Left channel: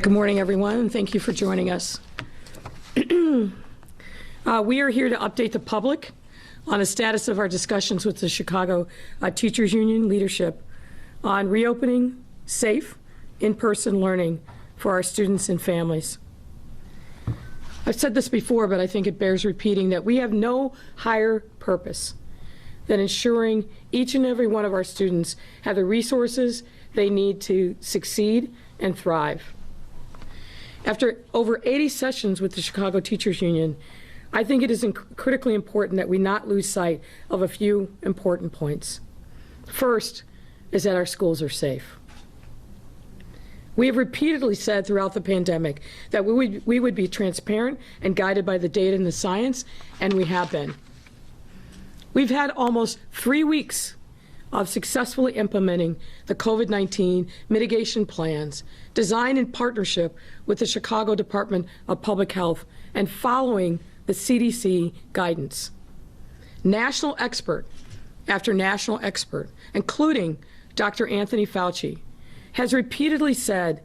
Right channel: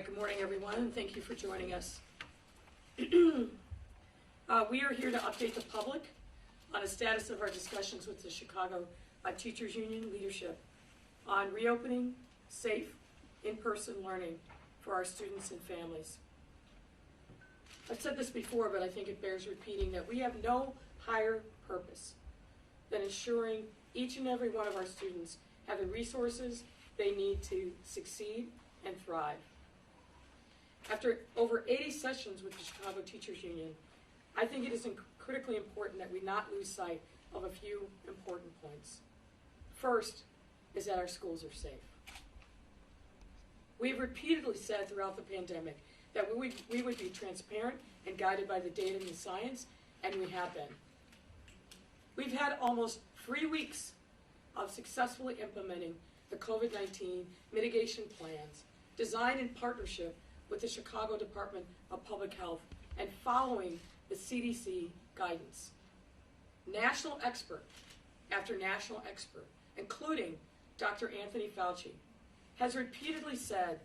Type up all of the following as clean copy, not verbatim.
Good morning, everyone, and thank you for joining us. We are here to update the public on the status of our discussions with the Chicago Teachers Union leadership on reopening safe, in-person learning for our students and families. I've said this before, but I think it bears repeating that we have no higher purpose than ensuring each and every one of our students have the resources they need to succeed and thrive. After over 80 sessions with the Chicago Teachers Union, I think it is critically important that we not lose sight of a few important points. First is that our schools are safe. We have repeatedly said throughout the pandemic that we would be transparent and guided by the data and the science, and we have been. We've had almost 3 weeks of successfully implementing the COVID-19 mitigation plans designed in partnership with the Chicago Department of Public Health and following the CDC guidance. National expert after national expert, including Dr. Anthony Fauci, has repeatedly said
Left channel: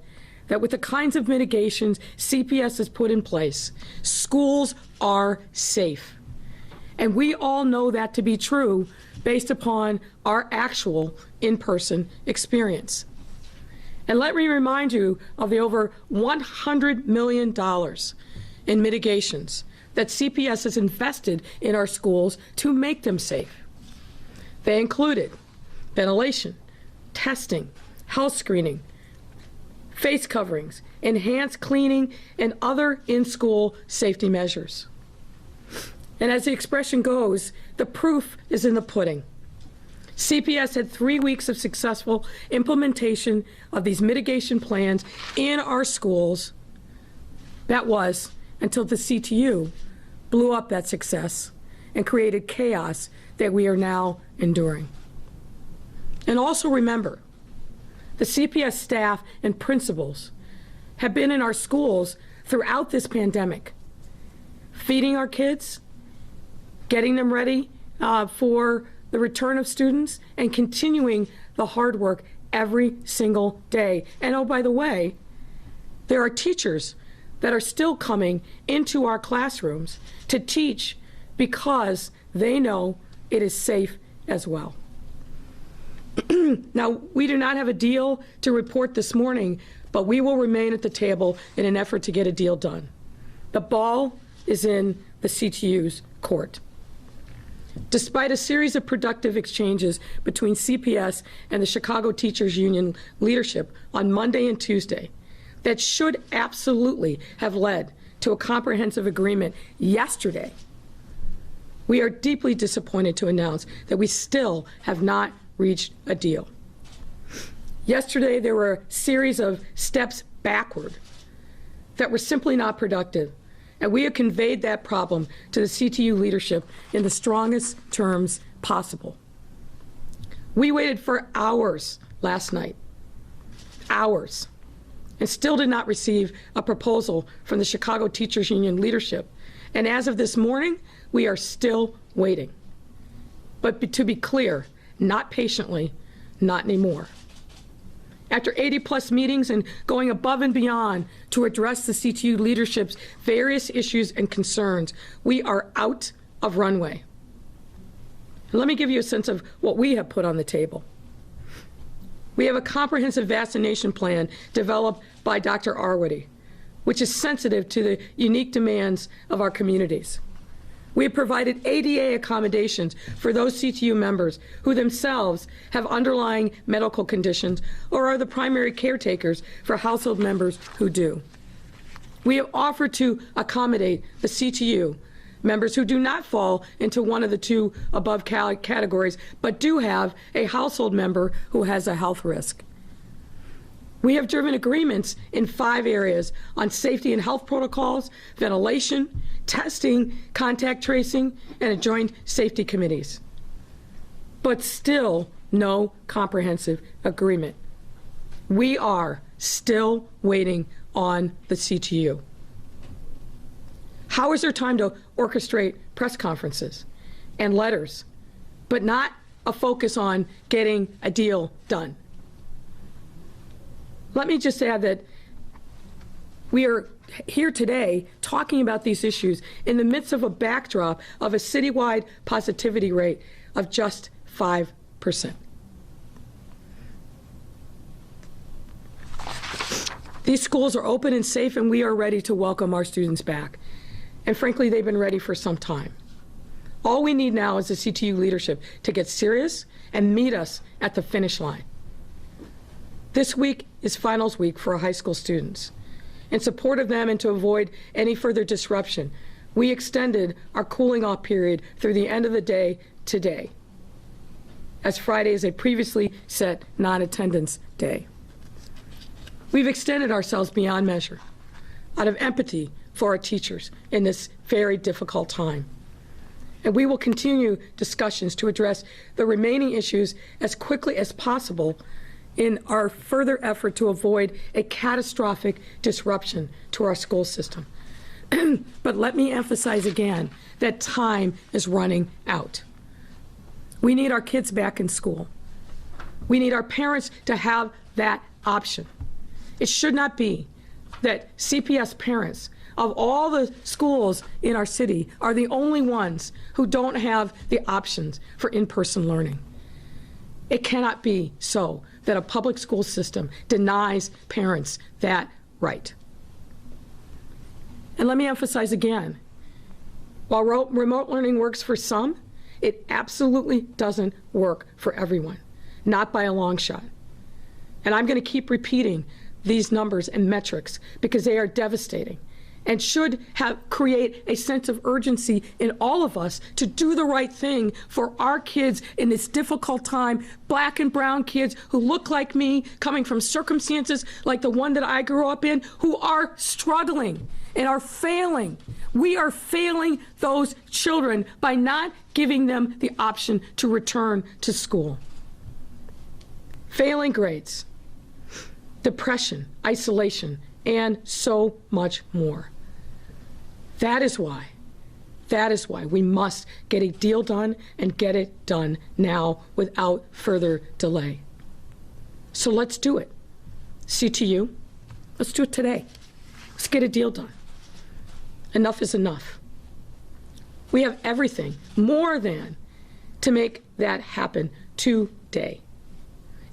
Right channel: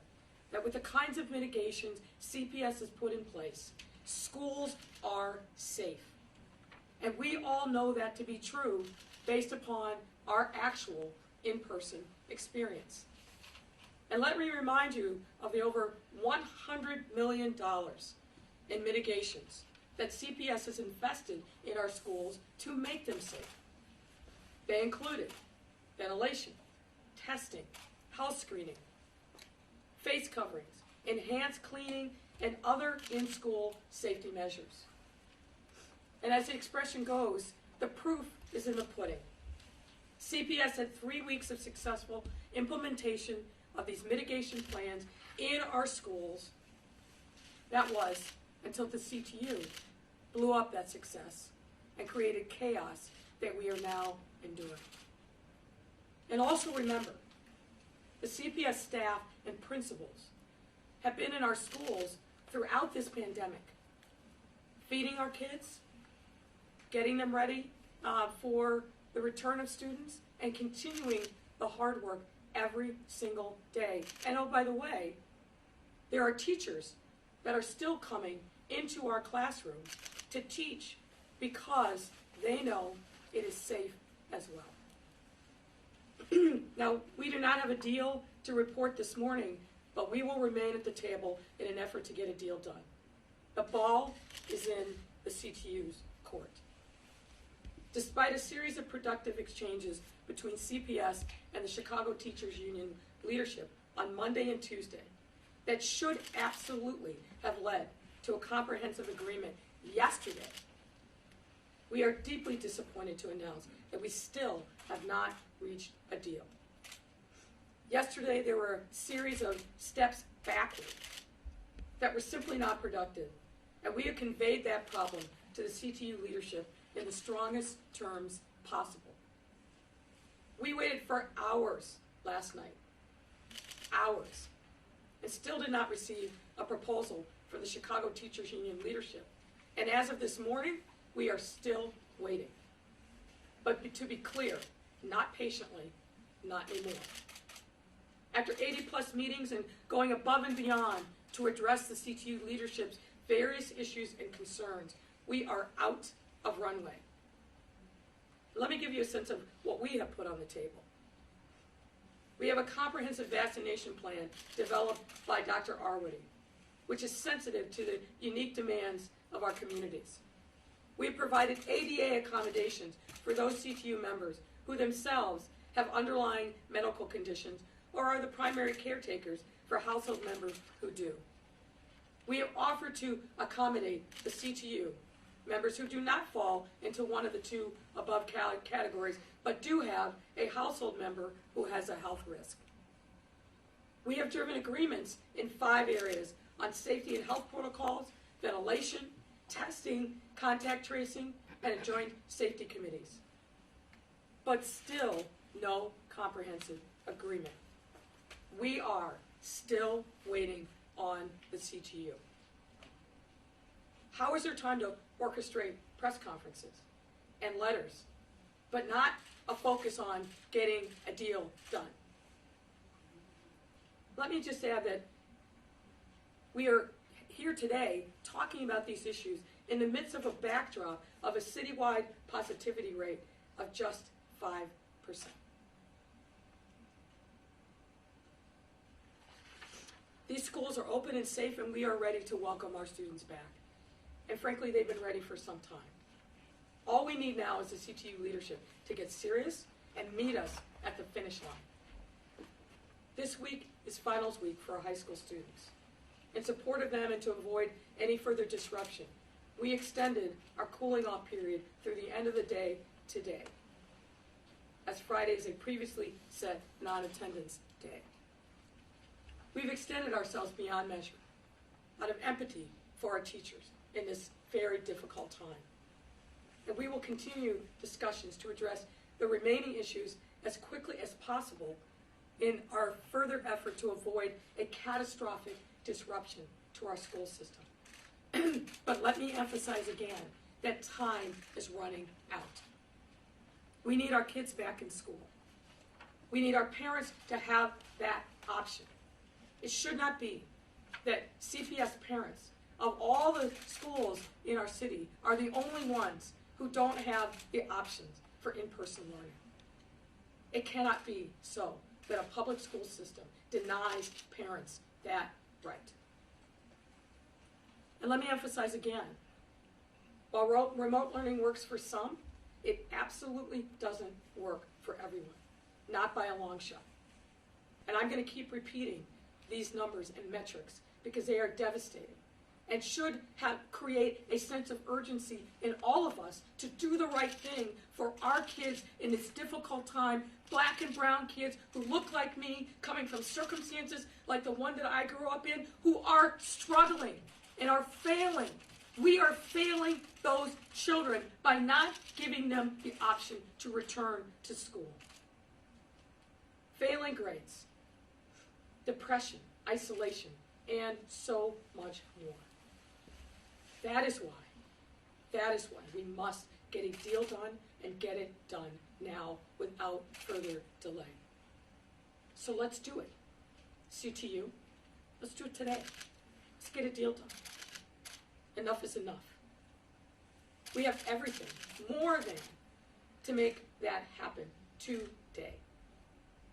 that with the kinds of mitigations CPS has put in place, schools are safe. And we all know that to be true based upon our actual in-person experience. And let me remind you of the over $100 million in mitigations that CPS has invested in our schools to make them safe. They included ventilation, testing, health screening, face coverings, enhanced cleaning, and other in-school safety measures. And as the expression goes, the proof is in the pudding. CPS had 3 weeks of successful implementation of these mitigation plans in our schools. That was until the CTU blew up that success and created chaos that we are now enduring. And also remember, the CPS staff and principals have been in our schools throughout this pandemic, feeding our kids, getting them ready for the return of students, and continuing the hard work every single day. And oh, by the way, there are teachers that are still coming into our classrooms to teach because they know it is safe as well. Now, we do not have a deal to report this morning, but we will remain at the table in an effort to get a deal done. The ball is in the CTU's court. Despite a series of productive exchanges between CPS and the Chicago Teachers Union leadership on Monday and Tuesday that should absolutely have led to a comprehensive agreement yesterday, we are deeply disappointed to announce that we still have not reached a deal. Yesterday, there were a series of steps backward that were simply not productive, and we have conveyed that problem to the CTU leadership in the strongest terms possible. We waited for hours last night, hours, and still did not receive a proposal from the Chicago Teachers Union leadership. And as of this morning, we are still waiting. But to be clear, not patiently, not anymore. After 80+ meetings and going above and beyond to address the CTU leadership's various issues and concerns, we are out of runway. And let me give you a sense of what we have put on the table. We have a comprehensive vaccination plan developed by Dr. Arwady, which is sensitive to the unique demands of our communities. We have provided ADA accommodations for those CTU members who themselves have underlying medical conditions or are the primary caretakers for household members who do. We have offered to accommodate the CTU members who do not fall into one of the two above categories, but do have a household member who has a health risk. We have driven agreements in 5 areas on safety and health protocols, ventilation, testing, contact tracing, and joint safety committees. But still no comprehensive agreement. We are still waiting on the CTU. How is there time to orchestrate press conferences and letters, but not a focus on getting a deal done? Let me just add that We are here today talking about these issues in the midst of a backdrop of a citywide positivity rate of just 5%. These schools are open and safe, and we are ready to welcome our students back. And frankly, they've been ready for some time. All we need now is the CTU leadership to get serious and meet us at the finish line. This week is finals week for our high school students. In support of them and to avoid any further disruption, we extended our cooling off period through the end of the day today, as Friday is a previously set non-attendance day. We've extended ourselves beyond measure out of empathy for our teachers in this very difficult time. And we will continue discussions to address the remaining issues as quickly as possible in our further effort to avoid a catastrophic disruption to our school system. But let me emphasize again that time is running out. We need our kids back in school. We need our parents to have that option. It should not be that CPS parents of all the schools in our city are the only ones who don't have the options for in-person learning. It cannot be so that a public school system denies parents that right. And let me emphasize again, while remote learning works for some, it absolutely doesn't work for everyone, not by a long shot. And I'm going to keep repeating these numbers and metrics because they are devastating and should create a sense of urgency in all of us to do the right thing for our kids in this difficult time, black and brown kids who look like me, coming from circumstances like the one that I grew up in, who are struggling and are failing. We are failing those children by not giving them the option to return to school. Failing grades, depression, isolation, and so much more. That is why we must get a deal done and get it done now without further delay. So let's do it. CTU, let's do it today. Let's get a deal done. Enough is enough. We have everything, more than, to make that happen today.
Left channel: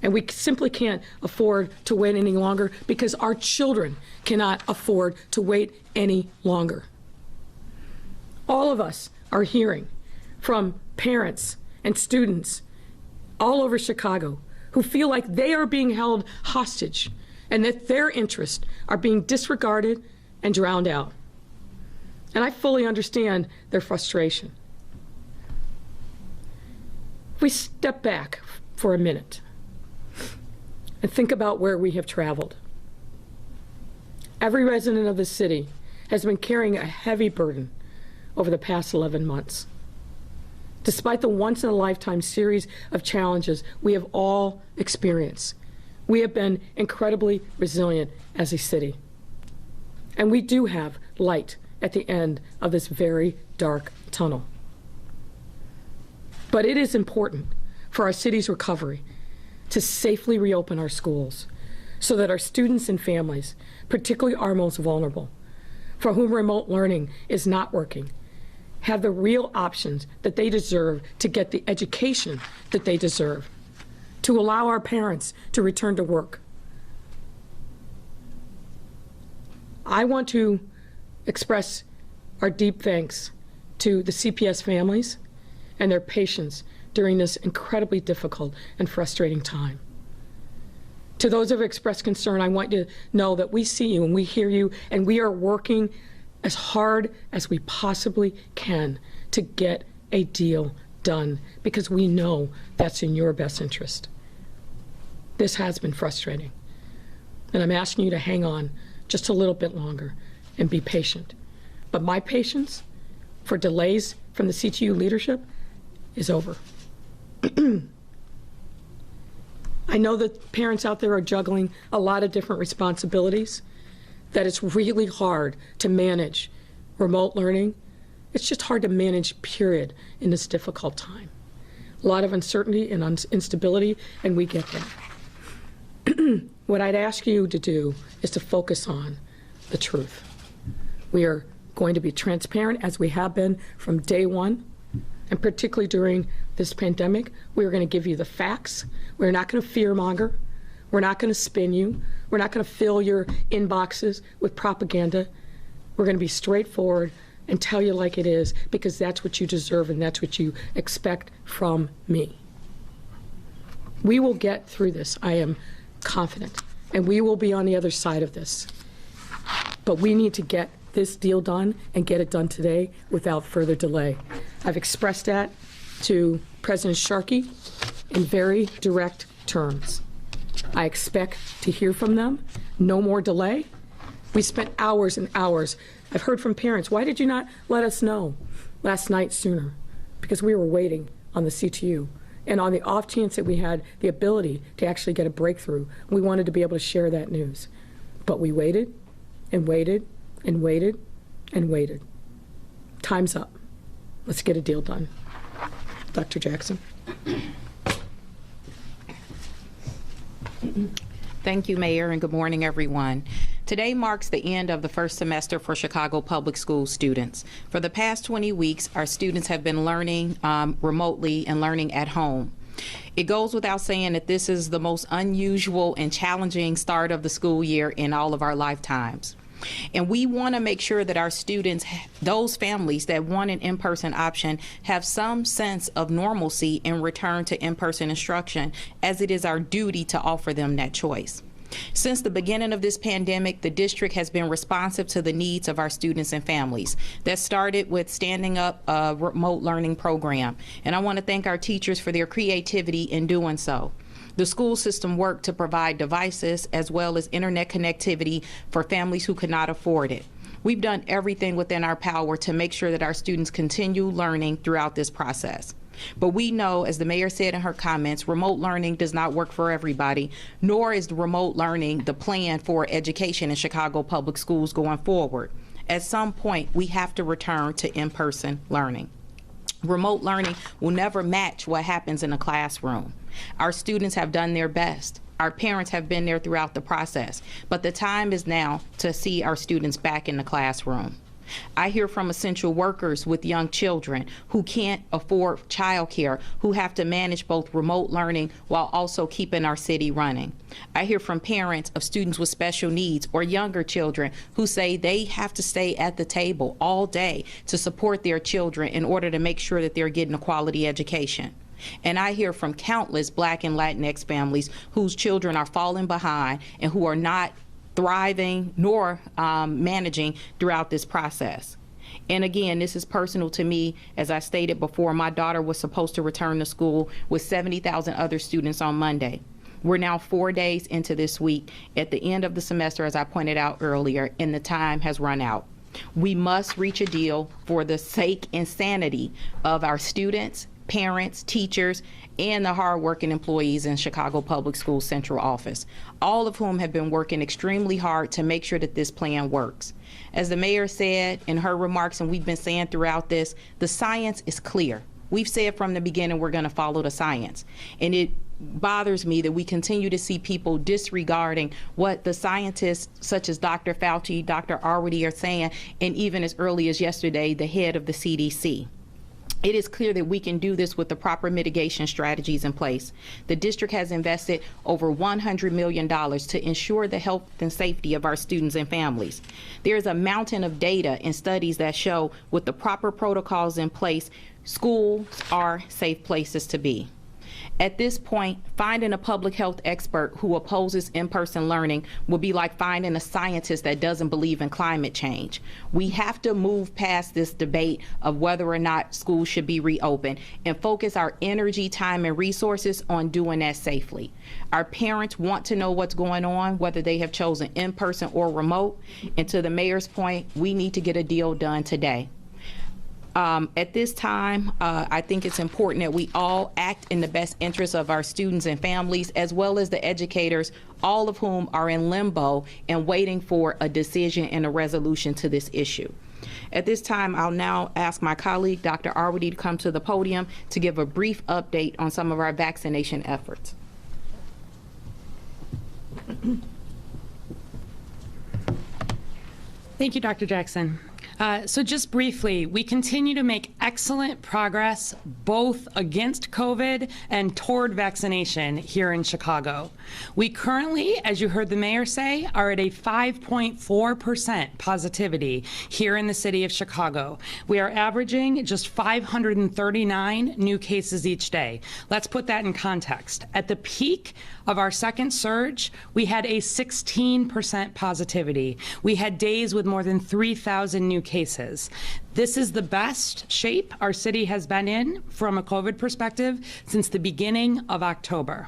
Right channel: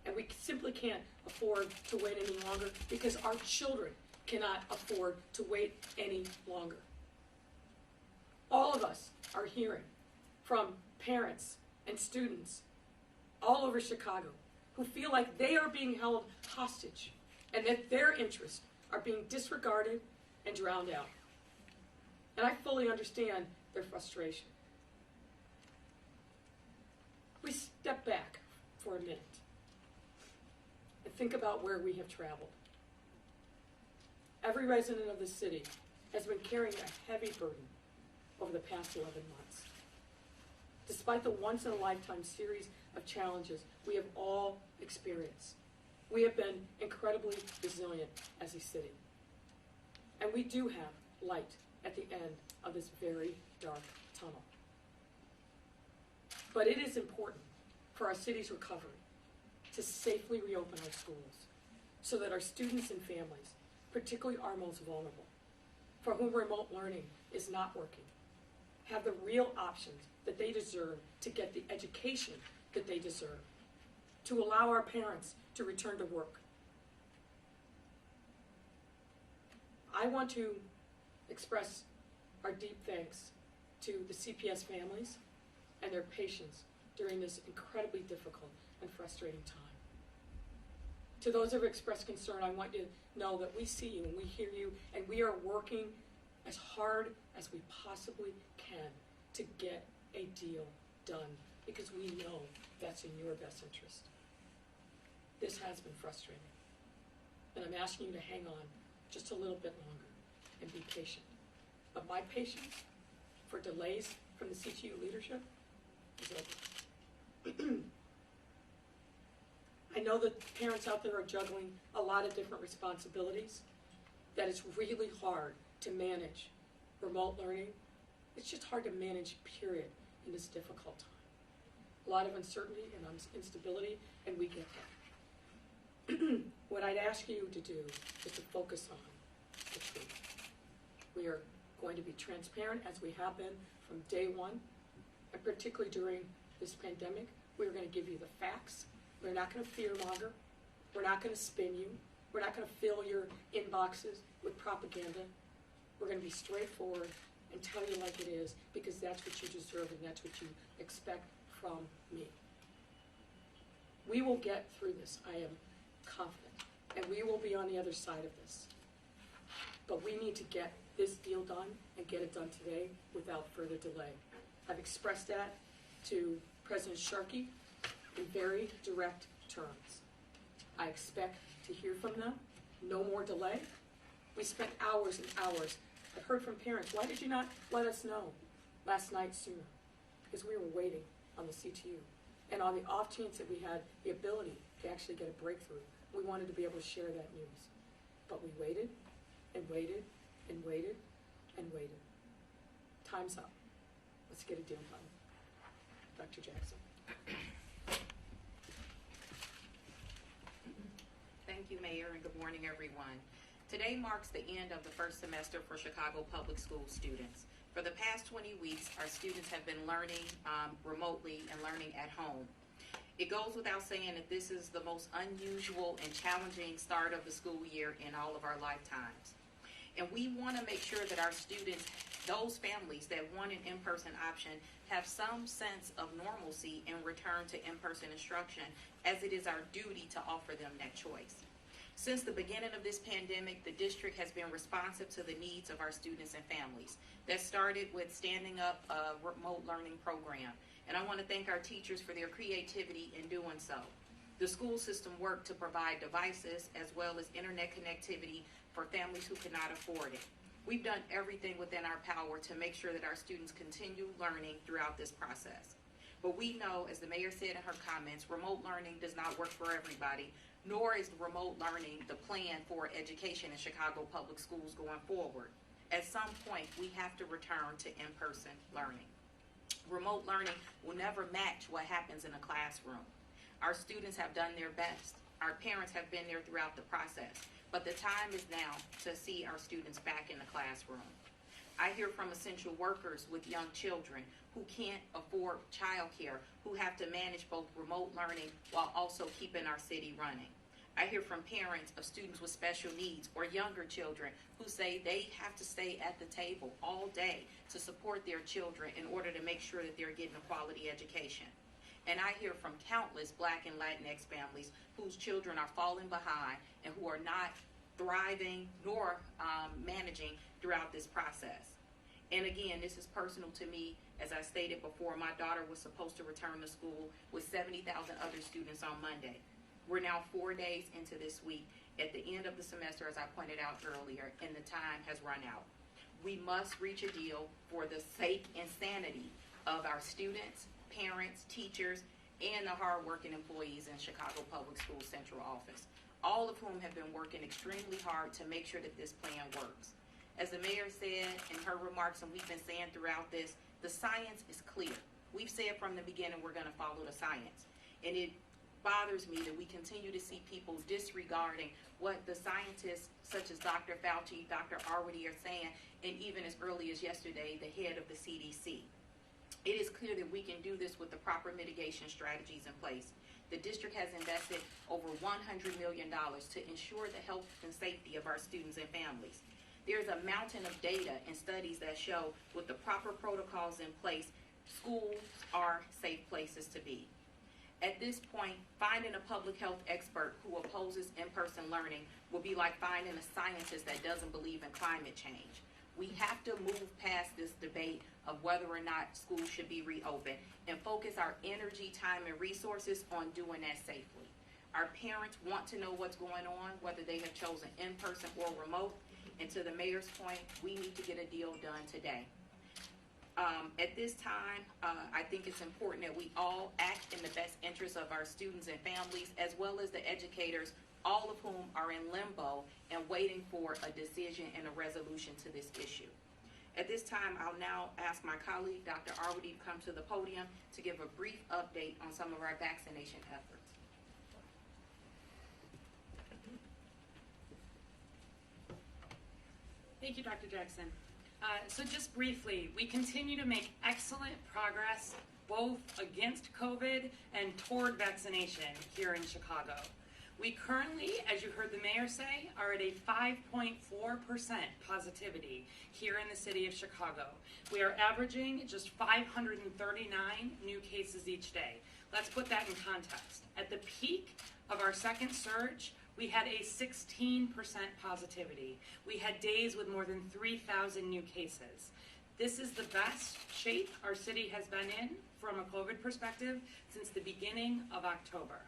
And we simply can't afford to wait any longer because our children cannot afford to wait any longer. All of us are hearing from parents and students all over Chicago who feel like they are being held hostage and that their interests are being disregarded and drowned out. And I fully understand their frustration. If we step back for a minute and think about where we have traveled. Every resident of the city has been carrying a heavy burden over the past 11 months. Despite the once-in-a-lifetime series of challenges we have all experienced, we have been incredibly resilient as a city. And we do have light at the end of this very dark tunnel. But it is important for our city's recovery to safely reopen our schools so that our students and families, particularly our most vulnerable, for whom remote learning is not working, have the real options that they deserve to get the education that they deserve, to allow our parents to return to work. I want to express our deep thanks to the CPS families and their patience during this incredibly difficult and frustrating time. To those who have expressed concern, I want you to know that we see you and we hear you, and we are working as hard as we possibly can to get a deal done because we know that's in your best interest. This has been frustrating, and I'm asking you to hang on just a little bit longer and be patient. But my patience for delays from the CTU leadership is over. I know that parents out there are juggling a lot of different responsibilities, that it's really hard to manage remote learning. It's just hard to manage, period, in this difficult time. A lot of uncertainty and instability, and we get that. What I'd ask you to do is to focus on the truth. We are going to be transparent, as we have been from day one, and particularly during this pandemic. We're going to give you the facts. We're not going to fearmonger. We're not going to spin you. We're not going to fill your inboxes with propaganda. We're going to be straightforward and tell you like it is, because that's what you deserve and that's what you expect from me. We will get through this, I am confident, and we will be on the other side of this. But we need to get this deal done and get it done today without further delay. I've expressed that to President Sharkey in very direct terms. I expect to hear from them. No more delay. We spent hours and hours. I've heard from parents, why did you not let us know last night sooner? Because we were waiting on the CTU. And on the off chance that we had the ability to actually get a breakthrough, we wanted to be able to share that news. But we waited and waited and waited and waited. Time's up. Let's get a deal done. Dr. Jackson. Thank you, Mayor, and good morning, everyone. Today marks the end of the first semester for Chicago Public Schools students. For the past 20 weeks, our students have been learning remotely and learning at home. It goes without saying that this is the most unusual and challenging start of the school year in all of our lifetimes. And we want to make sure that our students, those families that want an in-person option, have some sense of normalcy in return to in-person instruction, as it is our duty to offer them that choice. Since the beginning of this pandemic, the district has been responsive to the needs of our students and families. That started with standing up a remote learning program, and I want to thank our teachers for their creativity in doing so. The school system worked to provide devices as well as internet connectivity for families who could not afford it. We've done everything within our power to make sure that our students continue learning throughout this process. But we know, as the mayor said in her comments, remote learning does not work for everybody, nor is the remote learning the plan for education in Chicago Public Schools going forward. At some point, we have to return to in-person learning. Remote learning will never match what happens in a classroom. Our students have done their best. Our parents have been there throughout the process, but the time is now to see our students back in the classroom. I hear from essential workers with young children who can't afford childcare, who have to manage both remote learning while also keeping our city running. I hear from parents of students with special needs or younger children who say they have to stay at the table all day to support their children in order to make sure that they're getting a quality education. And I hear from countless Black and Latinx families whose children are falling behind and who are not thriving nor managing throughout this process. And again, this is personal to me. As I stated before, my daughter was supposed to return to school with 70,000 other students on Monday. We're now 4 days into this week at the end of the semester, as I pointed out earlier, and the time has run out. We must reach a deal for the sake and sanity of our students, parents, teachers, and the hardworking employees in Chicago Public Schools Central Office, all of whom have been working extremely hard to make sure that this plan works. As the mayor said in her remarks, and we've been saying throughout this, the science is clear. We've said from the beginning we're going to follow the science. And it bothers me that we continue to see people disregarding what the scientists such as Dr. Fauci, Dr. Arwady are saying, and even as early as yesterday, the head of the CDC. It is clear that we can do this with the proper mitigation strategies in place. The district has invested over $100 million to ensure the health and safety of our students and families. There is a mountain of data and studies that show with the proper protocols in place, schools are safe places to be. At this point, finding a public health expert who opposes in-person learning will be like finding a scientist that doesn't believe in climate change. We have to move past this debate of whether or not schools should be reopened and focus our energy, time, and resources on doing that safely. Our parents want to know what's going on, whether they have chosen in-person or remote. And to the mayor's point, we need to get a deal done today. At this time, I think it's important that we all act in the best interest of our students and families, as well as the educators, all of whom are in limbo and waiting for a decision and a resolution to this issue. At this time, I'll now ask my colleague, Dr. Arwady, to come to the podium to give a brief update on some of our vaccination efforts. Thank you, Dr. Jackson. So just briefly, we continue to make excellent progress both against COVID and toward vaccination here in Chicago. We currently, as you heard the mayor say, are at a 5.4% positivity here in the city of Chicago. We are averaging just 539 new cases each day. Let's put that in context. At the peak of our second surge, we had a 16% positivity. We had days with more than 3,000 new cases. This is the best shape our city has been in from a COVID perspective since the beginning of October.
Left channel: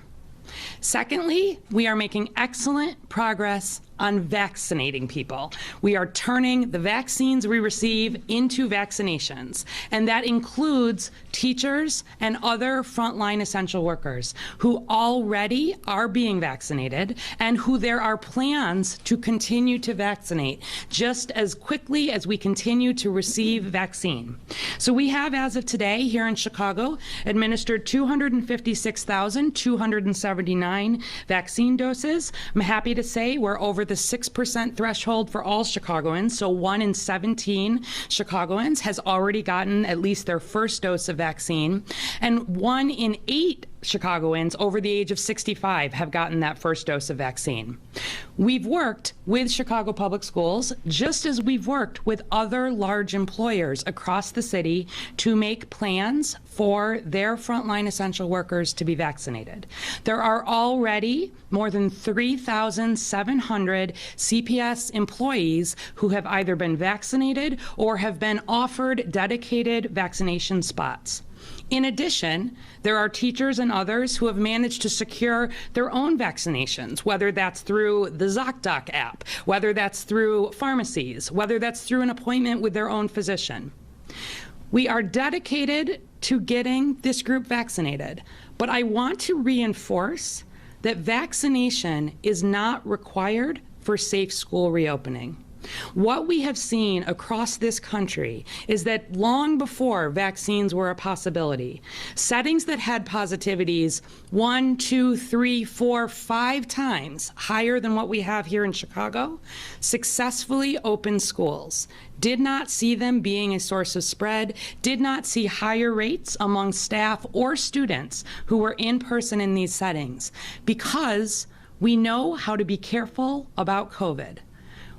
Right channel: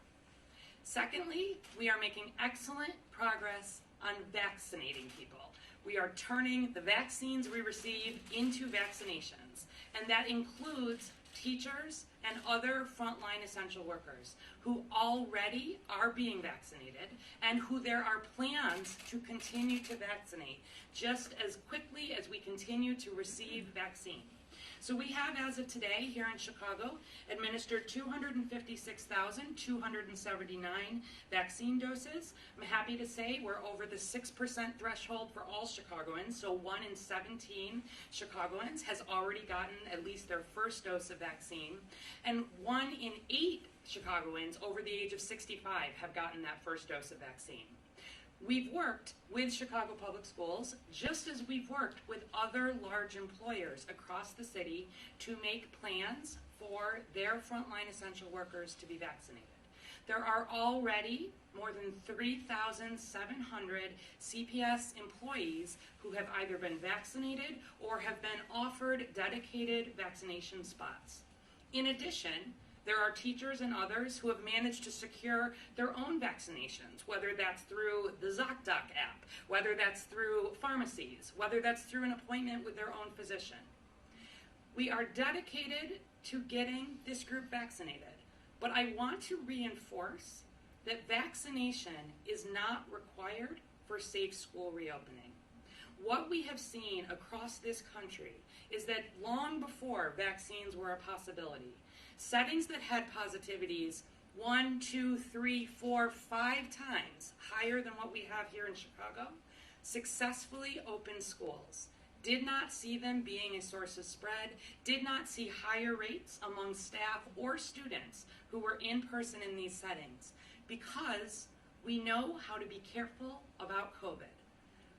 Secondly, we are making excellent progress on vaccinating people. We are turning the vaccines we receive into vaccinations, and that includes teachers and other frontline essential workers who already are being vaccinated and who there are plans to continue to vaccinate just as quickly as we continue to receive vaccine. So we have, as of today, here in Chicago, administered 256,279 vaccine doses. I'm happy to say we're over the 6% threshold for all Chicagoans, so 1 in 17 Chicagoans has already gotten at least their first dose of vaccine, and 1 in 8 Chicagoans over the age of 65 have gotten that first dose of vaccine. We've worked with Chicago Public Schools, just as we've worked with other large employers across the city to make plans for their frontline essential workers to be vaccinated. There are already more than 3,700 CPS employees who have either been vaccinated or have been offered dedicated vaccination spots. In addition, there are teachers and others who have managed to secure their own vaccinations, whether that's through the ZocDoc app, whether that's through pharmacies, whether that's through an appointment with their own physician. We are dedicated to getting this group vaccinated, but I want to reinforce that vaccination is not required for safe school reopening. What we have seen across this country is that long before vaccines were a possibility, settings that had positivities 1, 2, 3, 4, 5 times higher than what we have here in Chicago successfully opened schools, did not see them being a source of spread, did not see higher rates among staff or students who were in person in these settings, because we know how to be careful about COVID.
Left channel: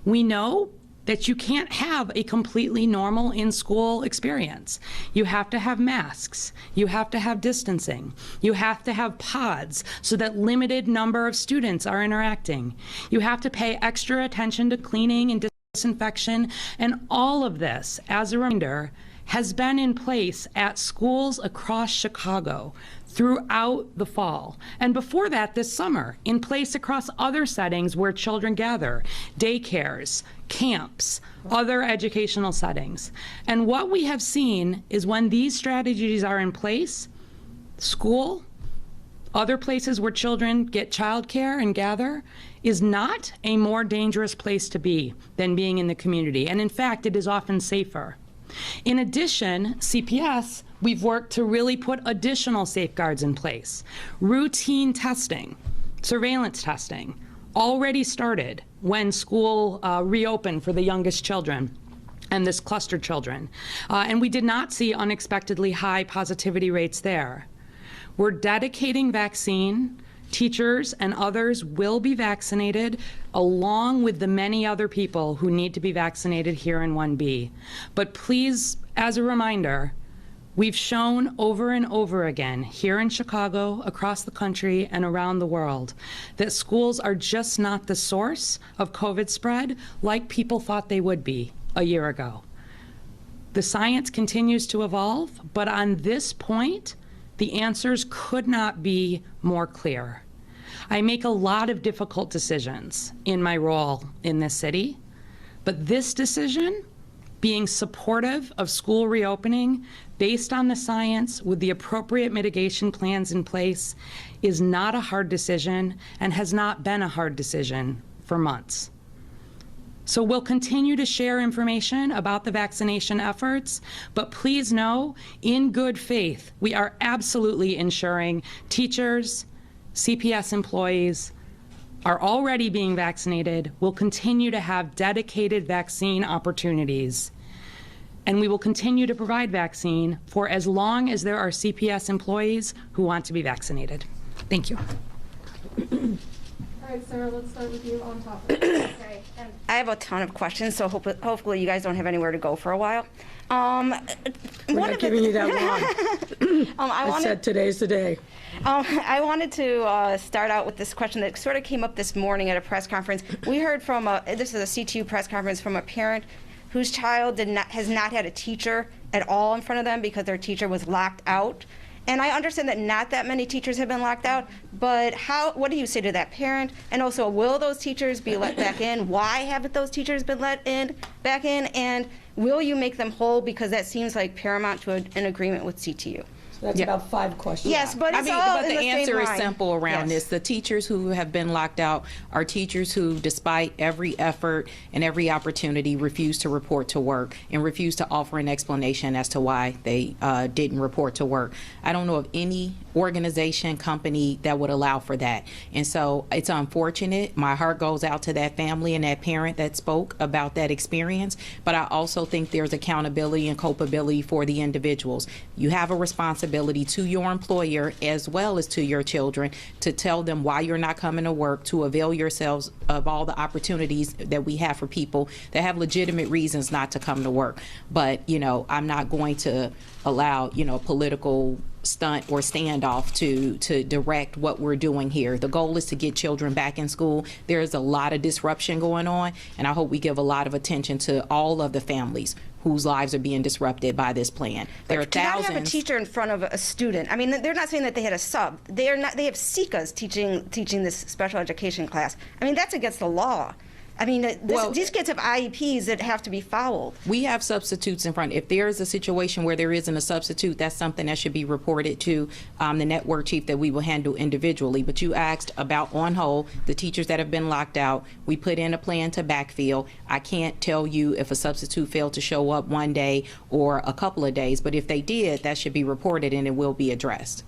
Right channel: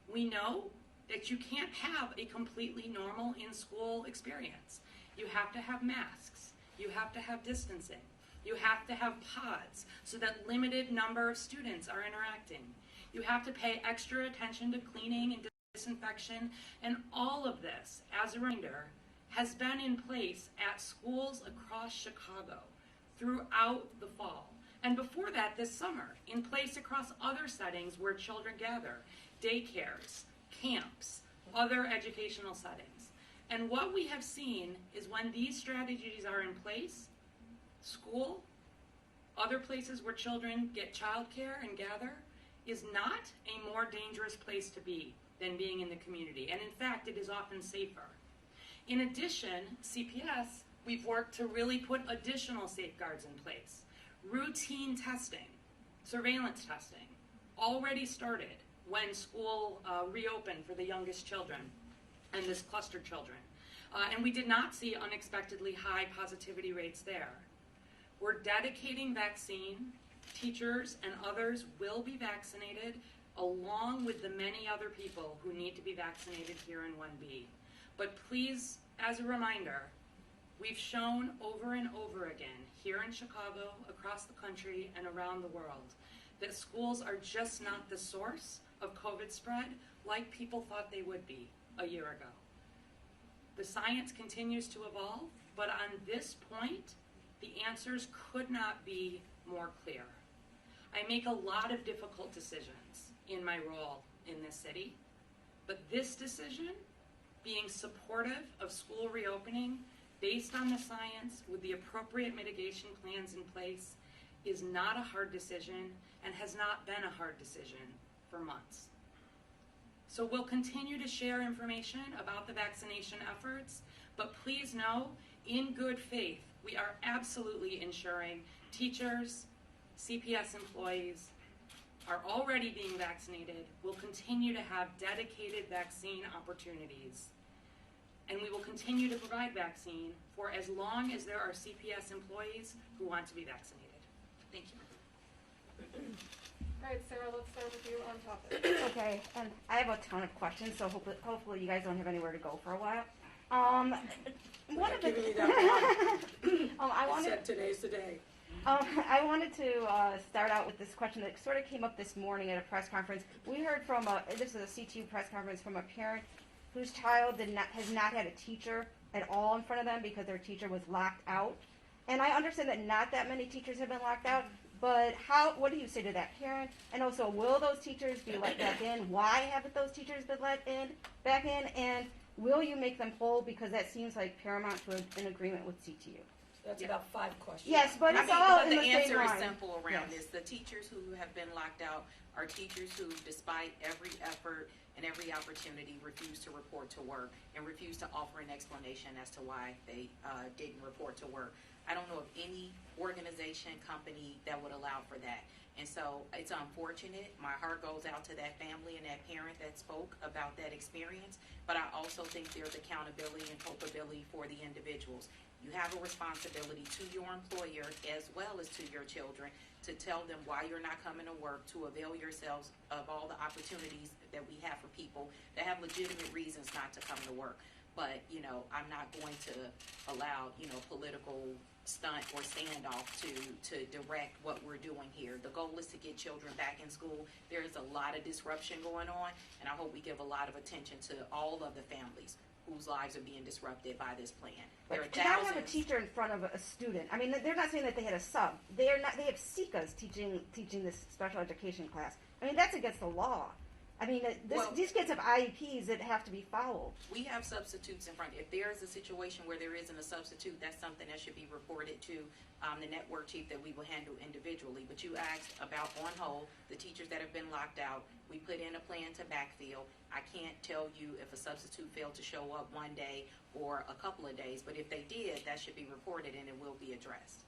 We know that you can't have a completely normal in-school experience. You have to have masks. You have to have distancing. You have to have pods so that limited number of students are interacting. You have to pay extra attention to cleaning and disinfection, and all of this, as a reminder, has been in place at schools across Chicago throughout the fall, and before that this summer, in place across other settings where children gather, daycares, camps, other educational settings. And what we have seen is when these strategies are in place, school, other places where children get childcare and gather, is not a more dangerous place to be than being in the community. And in fact, it is often safer. In addition, CPS, we've worked to really put additional safeguards in place. Routine testing, surveillance testing, already started when school reopened for the youngest children and this cluster children. And we did not see unexpectedly high positivity rates there. We're dedicating vaccine. Teachers and others will be vaccinated along with the many other people who need to be vaccinated here in 1B. But please, as a reminder, we've shown over and over again here in Chicago, across the country, and around the world that schools are just not the source of COVID spread like people thought they would be a year ago. The science continues to evolve, but on this point, the answers could not be more clear. I make a lot of difficult decisions in my role in this city, but this decision, being supportive of school reopening based on the science with the appropriate mitigation plans in place, is not a hard decision and has not been a hard decision for months. So we'll continue to share information about the vaccination efforts, but please know, in good faith, we are absolutely ensuring teachers, CPS employees, are already being vaccinated will continue to have dedicated vaccine opportunities. And we will continue to provide vaccine for as long as there are CPS employees who want to be vaccinated. Thank you. All right, Sarah, let's start with you on topic. Okay, and I have a ton of questions, so hopefully you guys don't have anywhere to go for a while. We're not giving you that long. I said today's the day. I wanted to start out with this question that sort of came up this morning at a press conference. We heard from this is a CTU press conference from a parent whose child has not had a teacher at all in front of them because their teacher was locked out. And I understand that not that many teachers have been locked out, but what do you say to that parent? And also, will those teachers be let back in? Why haven't those teachers been let back in? And will you make them whole? Because that seems like paramount to an agreement with CTU. So that's about 5 questions. Yes, but it's all but in the the answer same is line. simple around Yes. this. The teachers who have been locked out are teachers who, despite every effort and every opportunity, refuse to report to work and refuse to offer an explanation as to why they didn't report to work. I don't know of any organization, company that would allow for that. And so it's unfortunate. My heart goes out to that family and that parent that spoke about that experience. But I also think there's accountability and culpability for the individuals. You have a responsibility to your employer as well as to your children to tell them why you're not coming to work, to avail yourselves of all the opportunities that we have for people that have legitimate reasons not to come to work. But, you know, I'm not going to allow, you know, political stunt or standoff to direct what we're doing here. The goal is to get children back in school. There's a lot of disruption going on, and I hope we give a lot of attention to all of the families whose lives are being disrupted by this plan. There are To not thousands. have a teacher in front of a student. I mean, they're not saying that they had a sub. They are not. They have SICAs teaching this special education class. I mean, that's against the law. I mean, these kids have IEPs that have to be followed. We have substitutes in front. If there is a situation where there isn't a substitute, that's something that should be reported to the network chief that we will handle individually. But you asked about, on whole, the teachers that have been locked out. We put in a plan to backfill. I can't tell you if a substitute failed to show up one day or a couple of days, but if they did, that should be reported and it will be addressed.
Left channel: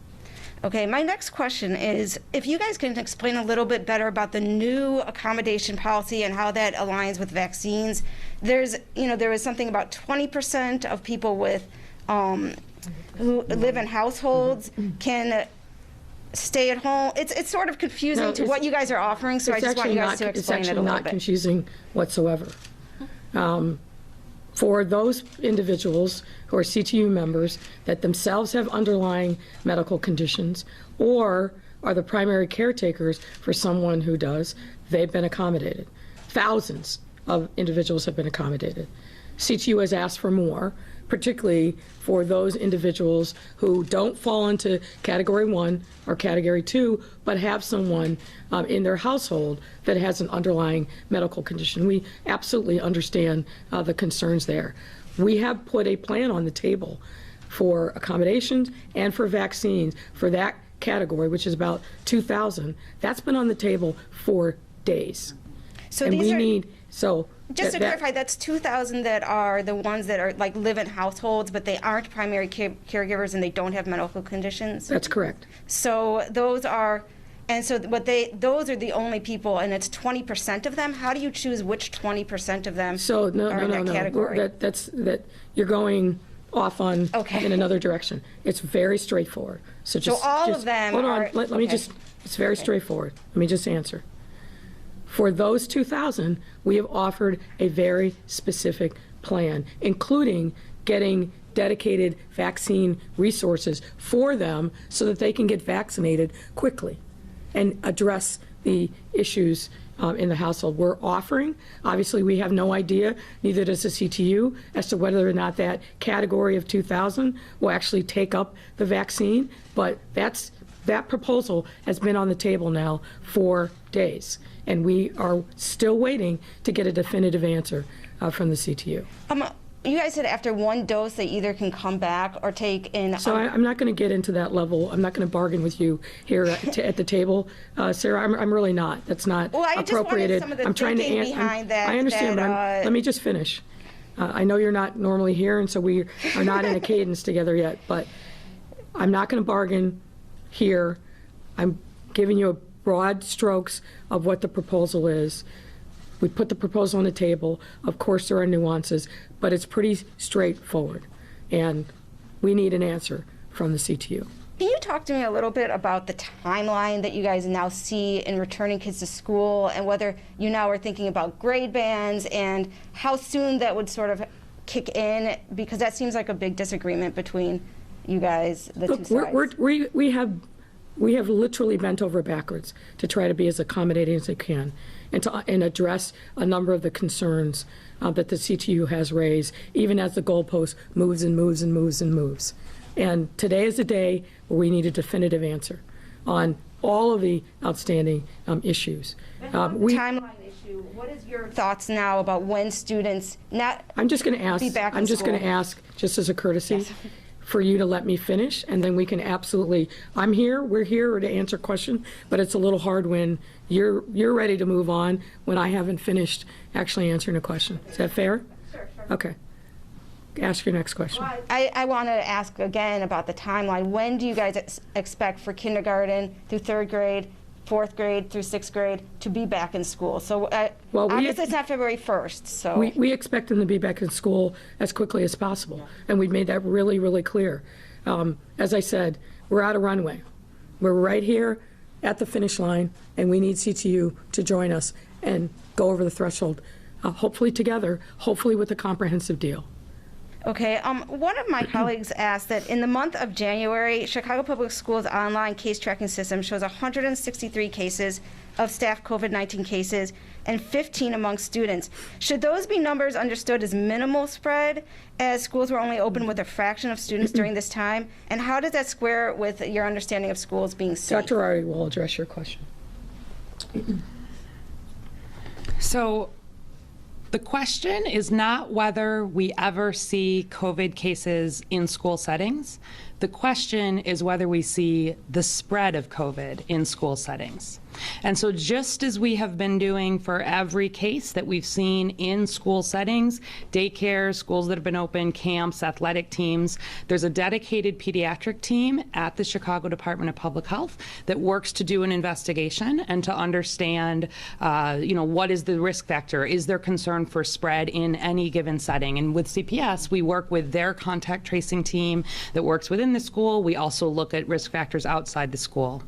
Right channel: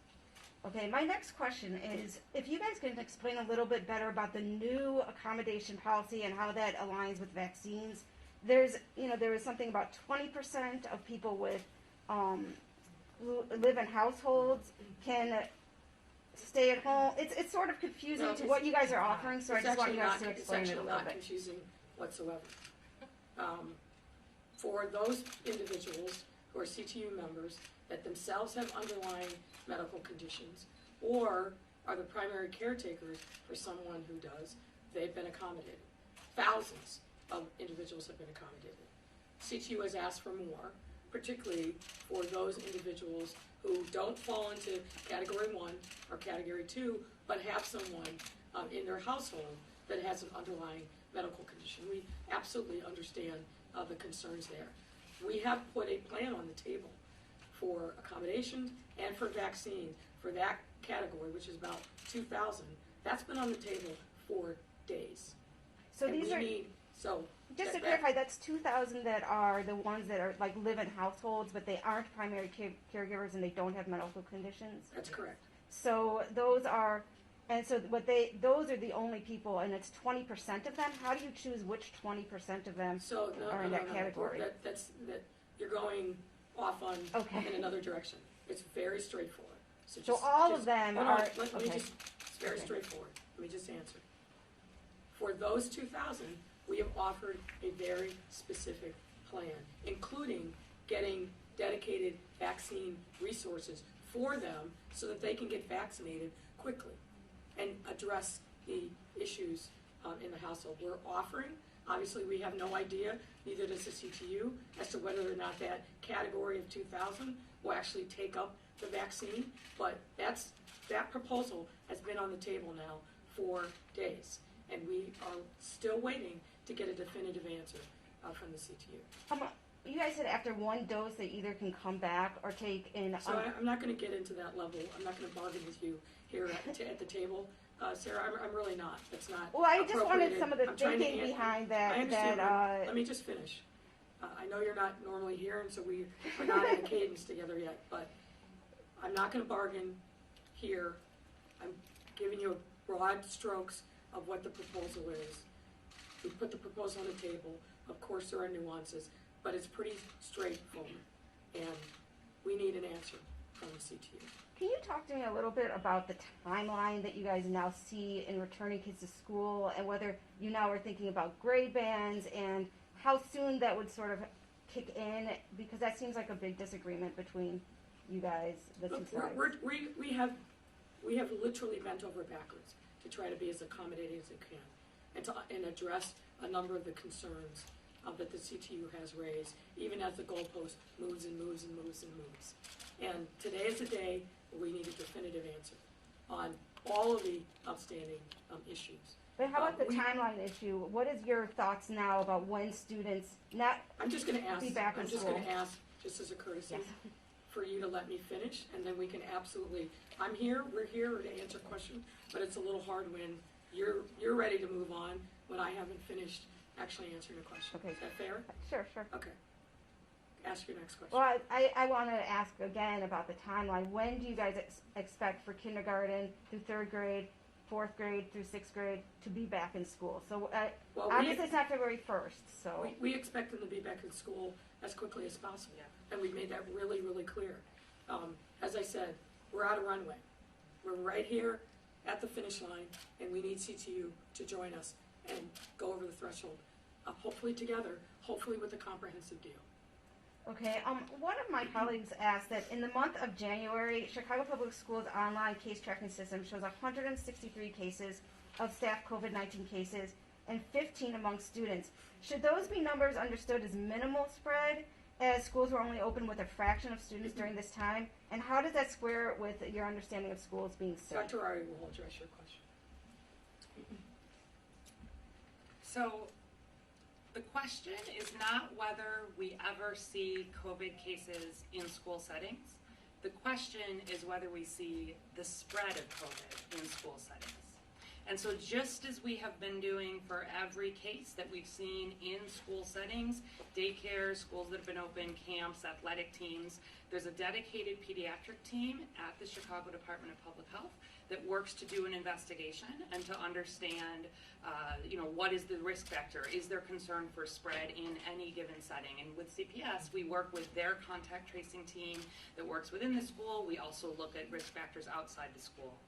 Okay, my next question is if you guys can explain a little bit better about the new accommodation policy and how that aligns with vaccines. There was something about 20% of people with who live in households can stay at home. It's sort of confusing No, to what you guys are offering, so I just want you guys to It's explain it a actually little not bit. confusing whatsoever. For those individuals who are CTU members that themselves have underlying medical conditions or are the primary caretakers for someone who does, they've been accommodated. Thousands of individuals have been accommodated. CTU has asked for more, particularly for those individuals who don't fall into Category 1 or Category 2, but have someone in their household that has an underlying medical condition. We absolutely understand the concerns there. We have put a plan on the table for accommodations and for vaccines for that category, which is about 2,000. That's been on the table for days. So And these we are, need, so. just to that- clarify, that's 2,000 that are the ones that are like live in households, but they aren't primary caregivers and they don't have medical conditions. That's correct. So those are, and so those are the only people, and it's 20% of them. How do you choose which 20% of them So, no, are in that category? That you're going off on Okay. in another direction. It's very straightforward. So just all of just- them hold on. are- Let me okay. just. It's very straightforward. Let me just answer. For those 2,000, we have offered a very specific plan, including getting dedicated vaccine resources for them so that they can get vaccinated quickly and address the issues in the household. We're offering, obviously we have no idea, neither does the CTU, as to whether or not that category of 2,000 will actually take up the vaccine, but that proposal has been on the table now for days, and we are still waiting to get a definitive answer from the CTU. You guys said after one dose, they either can come back or take in. So I'm not going to get into that level. I'm not going to bargain with you here at the table, Sarah. I'm really not. That's not Well, I just wanted appropriated. some of the I'm trying to thinking answer. behind that- I understand, that, but let me just finish. I know you're not normally here, and so we are not in a cadence together yet. But I'm not going to bargain here. I'm giving you broad strokes of what the proposal is. We put the proposal on the table. Of course, there are nuances, but it's pretty straightforward. And we need an answer from the CTU. Can you talk to me a little bit about the timeline that you guys now see in returning kids to school, and whether you now are thinking about grade bands and how soon that would sort of kick in? Because that seems like a big disagreement between you guys, the two sides. We have literally bent over backwards to try to be as accommodating as we can and address a number of the concerns that the CTU has raised, even as the goalpost moves and moves and moves and moves. And today is the day where we need a definitive answer on all of the outstanding issues. The timeline issue, what is your thoughts now about when students I'm just going to ask, be back in I'm just going to school? ask, just as a courtesy, Yes. for you to let me finish, and then we can absolutely, we're here to answer questions, but it's a little hard when you're ready to move on when I haven't finished actually answering a question. Is that fair? Sure. Okay. Ask your next question. Well, I want to ask again about the timeline. When do you guys expect for kindergarten through 3rd grade, 4th grade through 6th grade to be back in school? So obviously it's not February 1st. So We expect them to be back in school as quickly as possible, and we've made that really, really clear. As I said, we're out of runway. We're right here at the finish line, and we need CTU to join us and go over the threshold, hopefully together, hopefully with a comprehensive deal. Okay, one of my colleagues asked that in the month of January, Chicago Public Schools' online case tracking system shows 163 cases of staff COVID-19 cases and 15 among students. Should those be numbers understood as minimal spread, as schools were only open with a fraction of students during this time? And how does that square with your understanding of schools being safe? Dr. Ari will address your question. So the question is not whether we ever see COVID cases in school settings. The question is whether we see the spread of COVID in school settings. And so just as we have been doing for every case that we've seen in school settings, daycare, schools that have been open, camps, athletic teams, there's a dedicated pediatric team at the Chicago Department of Public Health that works to do an investigation and to understand, what is the risk factor? Is there concern for spread in any given setting? And with CPS, we work with their contact tracing team that works within the school. We also look at risk factors outside the school.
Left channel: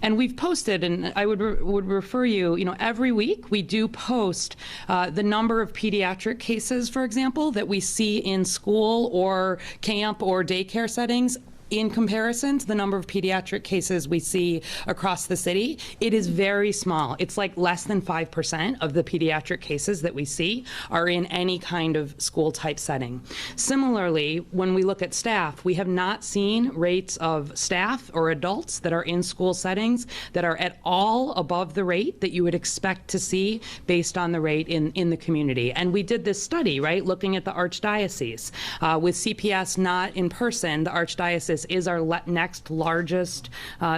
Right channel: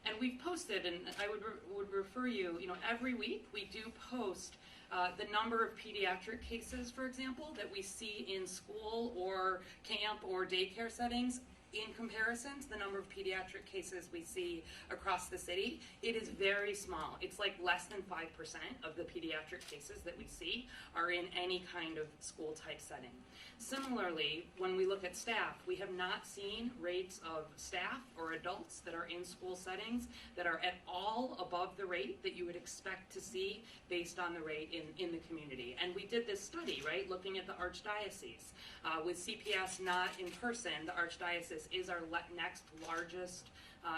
And we've posted, and I would refer you, every week we do post the number of pediatric cases, for example, that we see in school or camp or daycare settings. In comparison to the number of pediatric cases we see across the city, it is very small. It's like less than 5% of the pediatric cases that we see are in any kind of school type setting. Similarly, when we look at staff, we have not seen rates of staff or adults that are in school settings that are at all above the rate that you would expect to see based on the rate in the community. And we did this study, right, looking at the Archdiocese. With CPS not in person, the Archdiocese is our next largest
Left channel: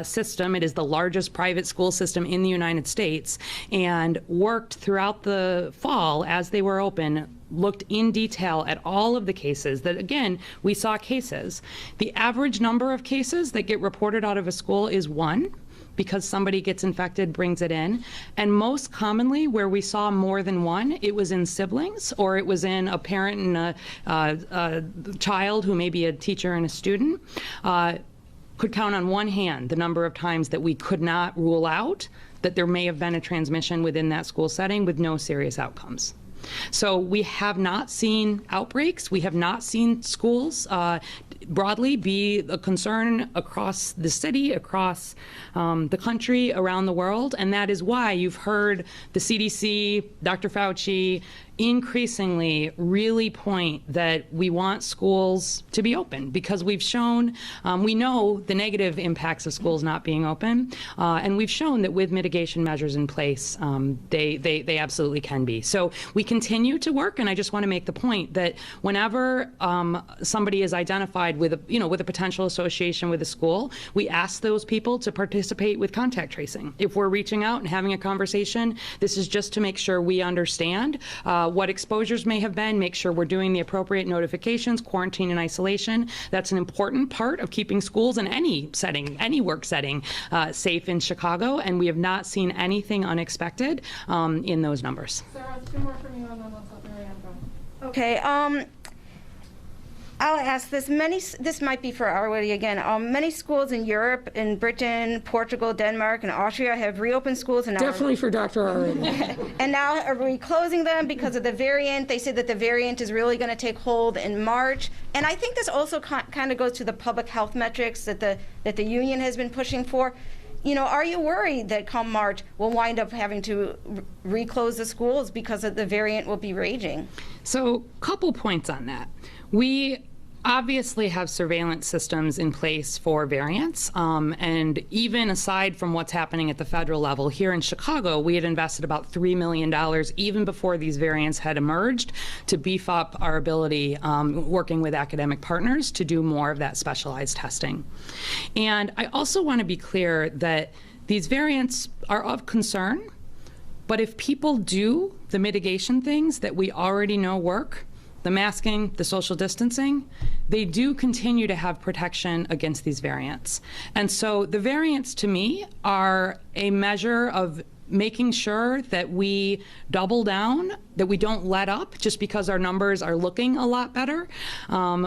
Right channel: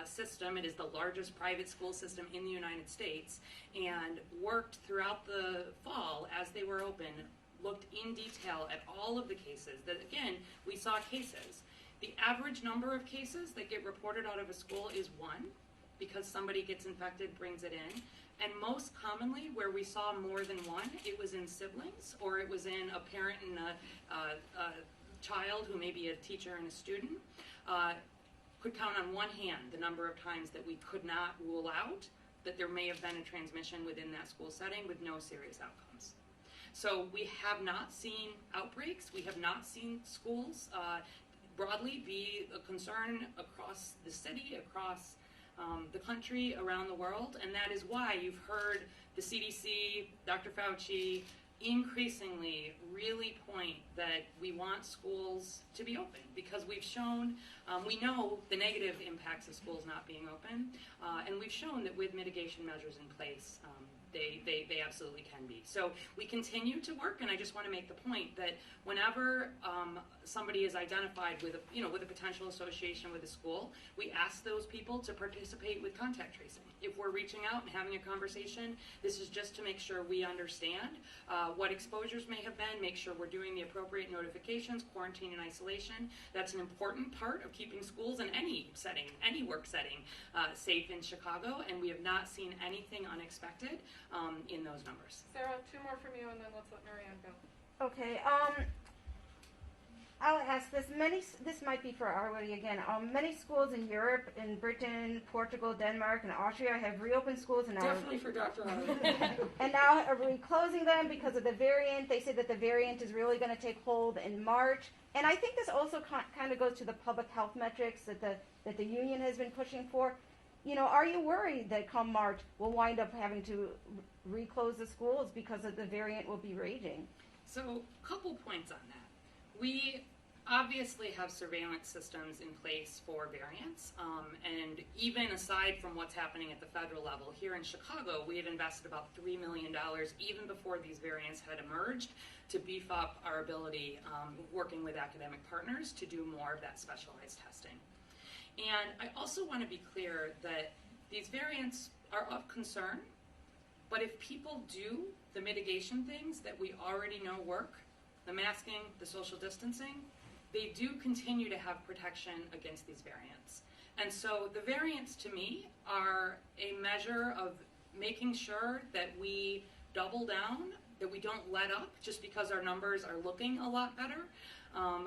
system. It is the largest private school system in the United States, and worked throughout the fall as they were open, looked in detail at all of the cases that, again, we saw cases. The average number of cases that get reported out of a school is 1. Because somebody gets infected, brings it in. And most commonly, where we saw more than 1, it was in siblings, or it was in a parent and a child who may be a teacher and a student. Could count on one hand the number of times that we could not rule out that there may have been a transmission within that school setting with no serious outcomes. So we have not seen outbreaks. We have not seen schools broadly be a concern across the city, across the country, around the world. And that is why you've heard the CDC, Dr. Fauci, increasingly really point that we want schools to be open, because we've shown, we know the negative impacts of schools not being open, and we've shown that with mitigation measures in place, they absolutely can be. So we continue to work, and I just want to make the point that whenever somebody is identified with a potential association with a school, we ask those people to participate with contact tracing. If we're reaching out and having a conversation, this is just to make sure we understand what exposures may have been, make sure we're doing the appropriate notifications, quarantine and isolation. That's an important part of keeping schools in any setting, any work setting, safe in Chicago, and we have not seen anything unexpected in those numbers. Sarah, 2 more from you, and then let's let Mary Ann go. Okay, I'll ask this. This might be for Arwady again. Many schools in Europe, in Britain, Portugal, Denmark, and Austria have reopened schools and now Definitely for Dr. Arwady. and now are reclosing them because of the variant. They say that the variant is really going to take hold in March. And I think this also kind of goes to the public health metrics that the union has been pushing for. You know, are you worried that come March we'll wind up having to reclose the schools because of the variant will be raging? So, couple points on that. We obviously have surveillance systems in place for variants, and even aside from what's happening at the federal level, here in Chicago, we had invested about $3 million even before these variants had emerged to beef up our ability, working with academic partners, to do more of that specialized testing. And I also want to be clear that these variants are of concern, but if people do the mitigation things that we already know work, the masking, the social distancing, they do continue to have protection against these variants. And so the variants, to me, are a measure of making sure that we double down, that we don't let up just because our numbers are looking a lot better.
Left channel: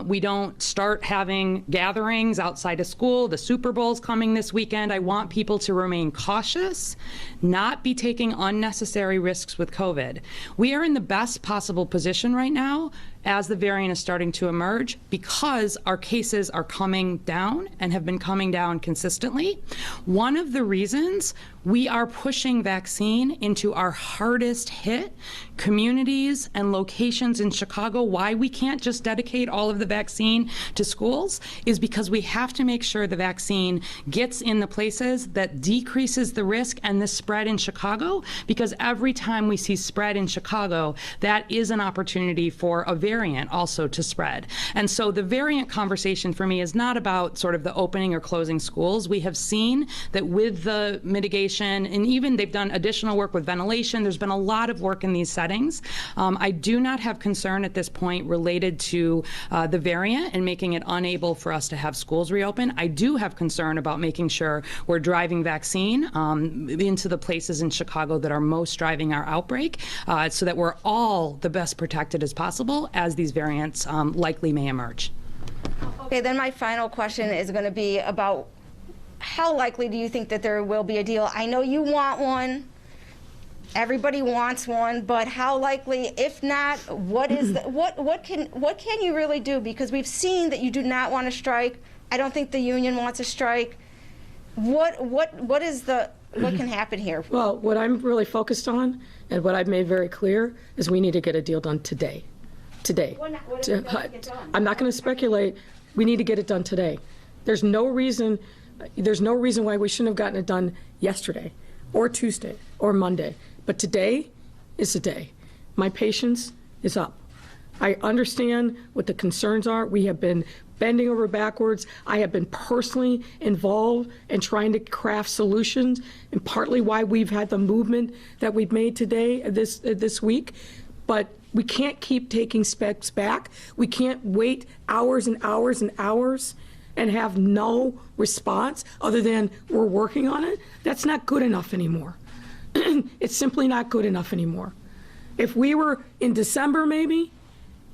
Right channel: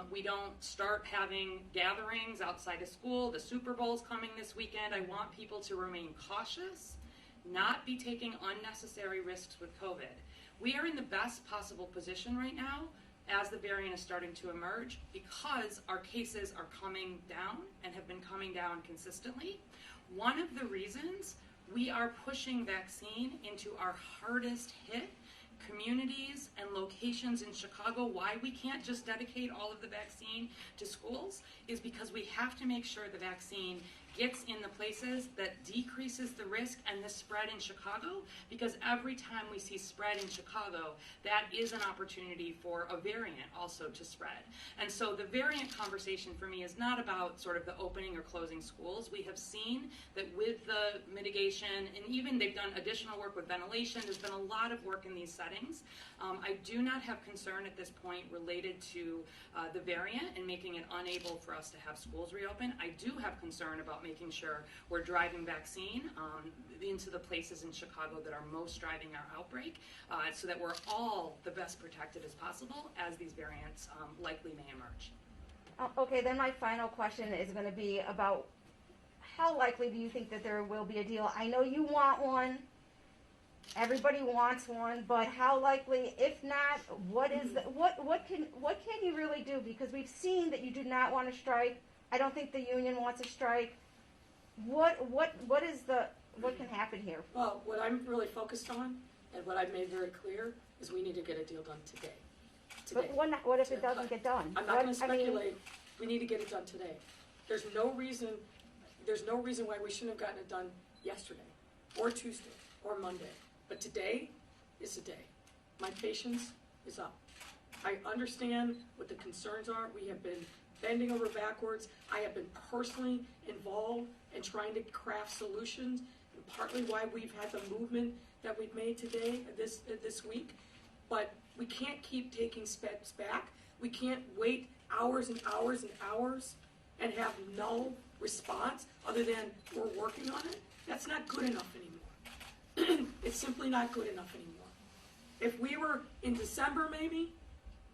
We don't start having gatherings outside of school. The Super Bowl's coming this weekend. I want people to remain cautious, not be taking unnecessary risks with COVID. We are in the best possible position right now as the variant is starting to emerge because our cases are coming down and have been coming down consistently. One of the reasons we are pushing vaccine into our hardest hit communities and locations in Chicago, why we can't just dedicate all of the vaccine to schools, is because we have to make sure the vaccine gets in the places that decreases the risk and the spread in Chicago, because every time we see spread in Chicago, that is an opportunity for a variant also to spread. And so the variant conversation for me is not about sort of the opening or closing schools. We have seen that with the mitigation, and even they've done additional work with ventilation, there's been a lot of work in these settings. I do not have concern at this point related to the variant and making it unable for us to have schools reopen. I do have concern about making sure we're driving vaccine into the places in Chicago that are most driving our outbreak, so that we're all the best protected as possible as these variants likely may emerge. Okay, then my final question is going to be about how likely do you think that there will be a deal? I know you want one. Everybody wants one, but how likely? If not, what is what can you really do? Because we've seen that you do not want to strike. I don't think the union wants to strike. What can happen here? Well, what I'm really focused on and what I've made very clear is we need to get a deal done today. Today. What if it doesn't get done? I'm not going to speculate. We need to get it done today. There's no reason why we shouldn't have gotten it done yesterday or Tuesday or Monday. But today is the day. My patience is up. I understand what the concerns are. We have been bending over backwards. I have been personally involved in trying to craft solutions, and partly why we've had the movement that we've made today, this week. But we can't keep taking steps back. We can't wait hours and hours and hours and have no response other than we're working on it. That's not good enough anymore. It's simply not good enough anymore. If we were in December, maybe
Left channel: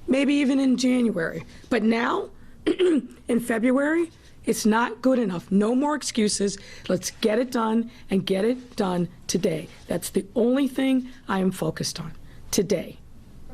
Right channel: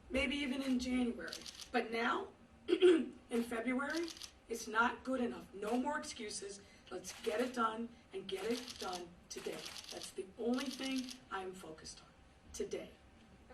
even in January, but now in February, it's not good enough. No more excuses. Let's get it done and get it done today. That's the only thing I am focused on today.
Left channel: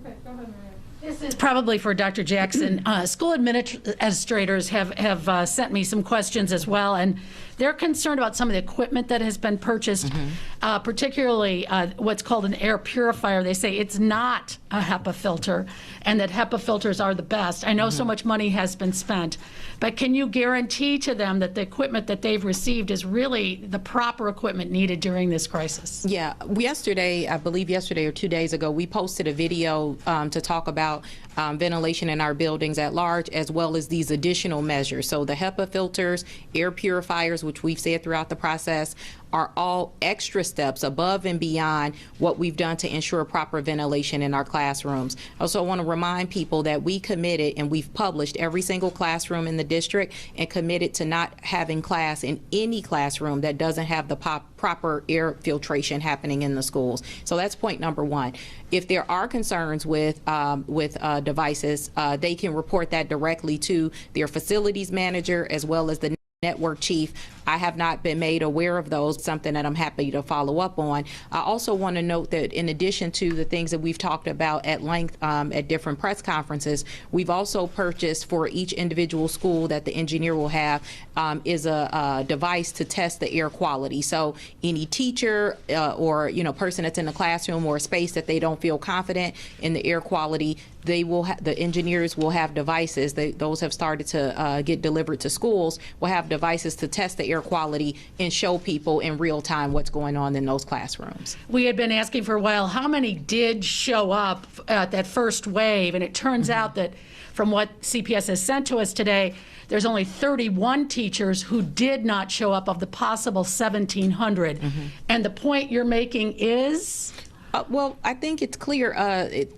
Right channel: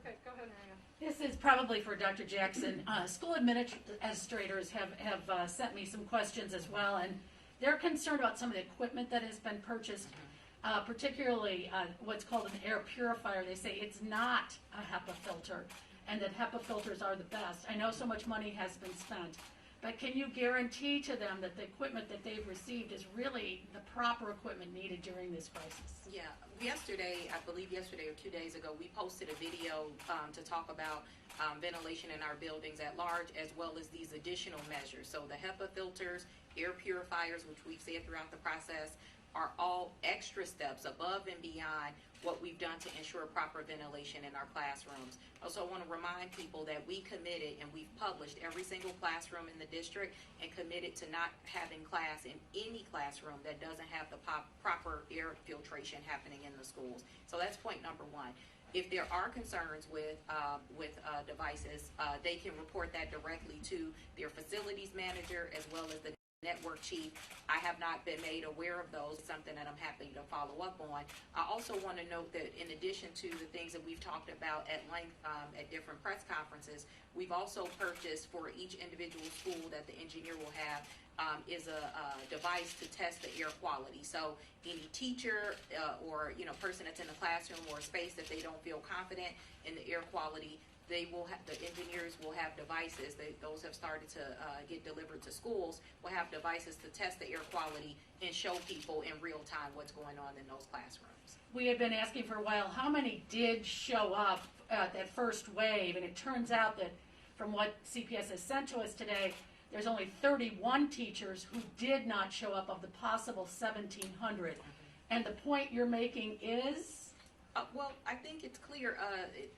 Okay, go ahead, Maria. This is probably for Dr. Jackson. School administrators have sent me some questions as well, and they're concerned about some of the equipment that has been purchased, particularly what's called an air purifier. They say it's not a HEPA filter, and that HEPA filters are the best. I know so much money has been spent, but can you guarantee to them that the equipment that they've received is really the proper equipment needed during this crisis? Yeah, yesterday, I believe yesterday or 2 days ago, we posted a video to talk about ventilation in our buildings at large, as well as these additional measures. So the HEPA filters, air purifiers, which we've said throughout the process, are all extra steps above and beyond what we've done to ensure proper ventilation in our classrooms. I also want to remind people that we committed, and we've published every single classroom in the district, and committed to not having class in any classroom that doesn't have the proper air filtration happening in the schools. So that's point number one. If there are concerns with devices, they can report that directly to their facilities manager as well as the network chief. I have not been made aware of those, something that I'm happy to follow up on. I also want to note that in addition to the things that we've talked about at length at different press conferences, we've also purchased for each individual school that the engineer will have is a device to test the air quality. So any teacher or person that's in the classroom or a space that they don't feel confident in the air quality, they will the engineers will have devices. Those have started to get delivered to schools. Will have devices to test the air quality and show people in real time what's going on in those classrooms. We had been asking for a while how many did show up at that first wave, and it turns out that from what CPS has sent to us today, there's only 31 teachers who did not show up of the possible 1,700. And the point you're making is? Well, I think it's clear.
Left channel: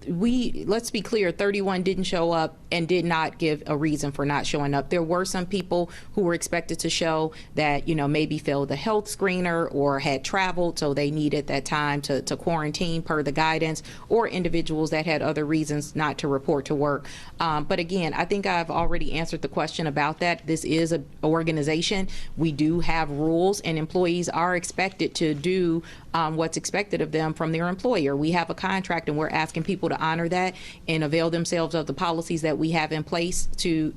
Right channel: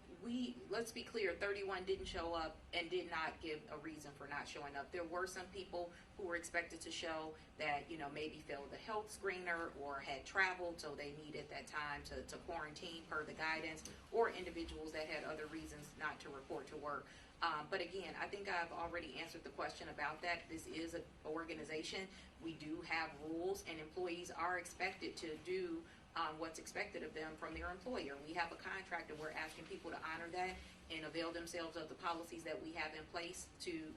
Let's be clear. 31 didn't show up and did not give a reason for not showing up. There were some people who were expected to show that maybe failed the health screener or had traveled, so they needed that time to quarantine per the guidance, or individuals that had other reasons not to report to work. But again, I think I've already answered the question about that. This is an organization. We do have rules, and employees are expected to do what's expected of them from their employer. We have a contract, and we're asking people to honor that and avail themselves of the policies that we have in place to,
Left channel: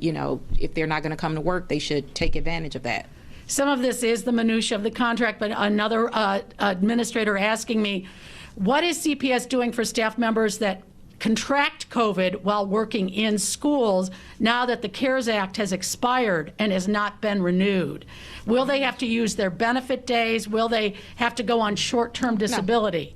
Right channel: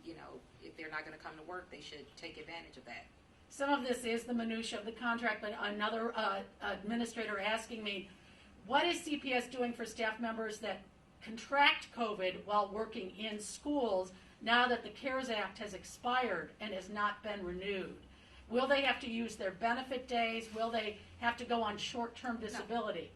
if they're not going to come to work, they should take advantage of that. Some of this is the minutia of the contract, but another administrator asking me, what is CPS doing for staff members that contract COVID while working in schools now that the CARES Act has expired and has not been renewed? Will they have to use their benefit days? Will they have to go on short-term disability?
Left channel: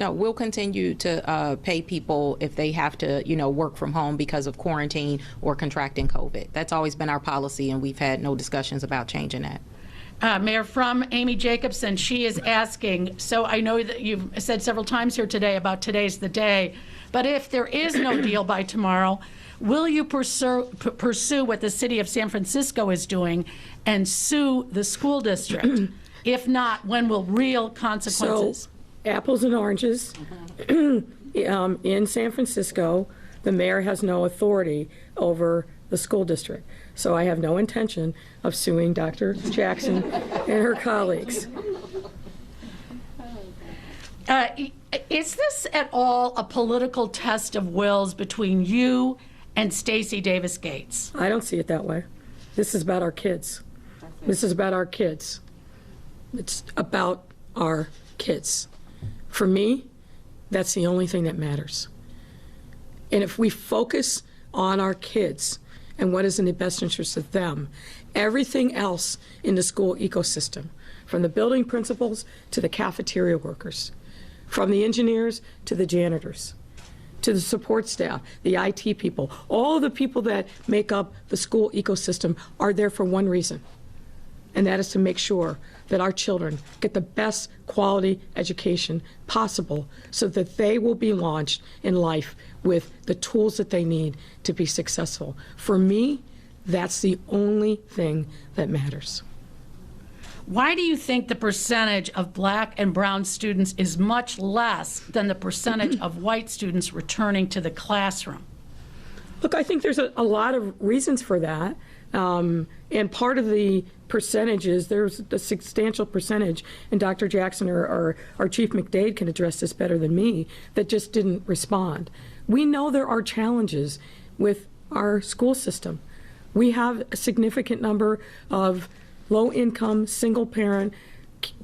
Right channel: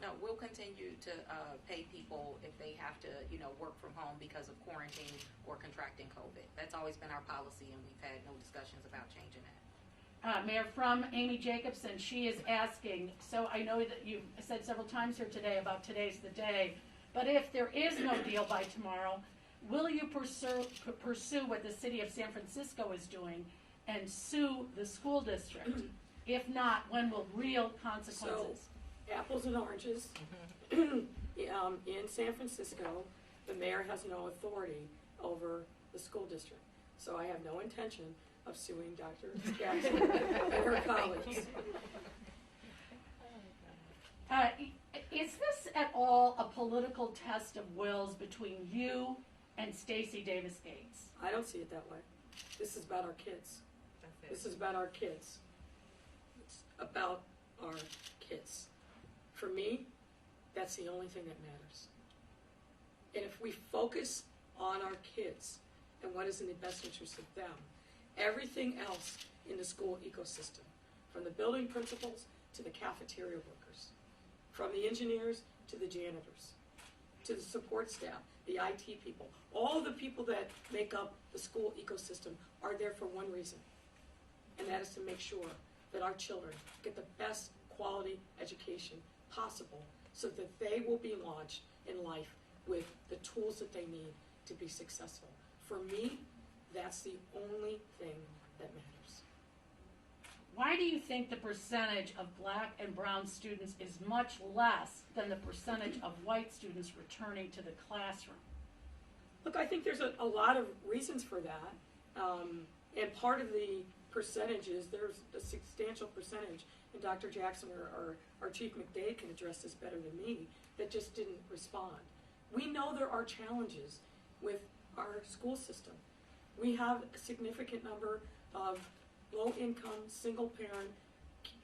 No, we'll continue to pay people if they have to, work from home because of quarantine or contracting COVID. That's always been our policy, and we've had no discussions about changing that. Mayor, from Amy Jacobson, she is asking, so I know that you've said several times here today about today's the day, but if there is no deal by tomorrow, will you pursue what the city of San Francisco is doing and sue the school district? If not, when will real consequences? So, apples and oranges. In San Francisco, the mayor has no authority over the school district. So I have no intention of suing Dr. Jackson and her colleagues. Is this at all a political test of wills between you and Stacey Davis Gates? I don't see it that way. This is about our kids. This is about our kids. It's about our kids. For me, that's the only thing that matters. And if we focus on our kids and what is in the best interest of them, everything else in the school ecosystem, from the building principals to the cafeteria workers, from the engineers to the janitors, to the support staff, the IT people, all the people that make up the school ecosystem are there for one reason, and that is to make sure that our children get the best quality education possible so that they will be launched in life with the tools that they need to be successful. For me, that's the only thing that matters. Why do you think the percentage of black and brown students is much less than the percentage of white students returning to the classroom? Look, I think there's a lot of reasons for that. And part of the percentages, there's a substantial percentage, and Dr. Jackson or Chief McDade can address this better than me, that just didn't respond. We know there are challenges with our school system. We have a significant number of low-income, single-parent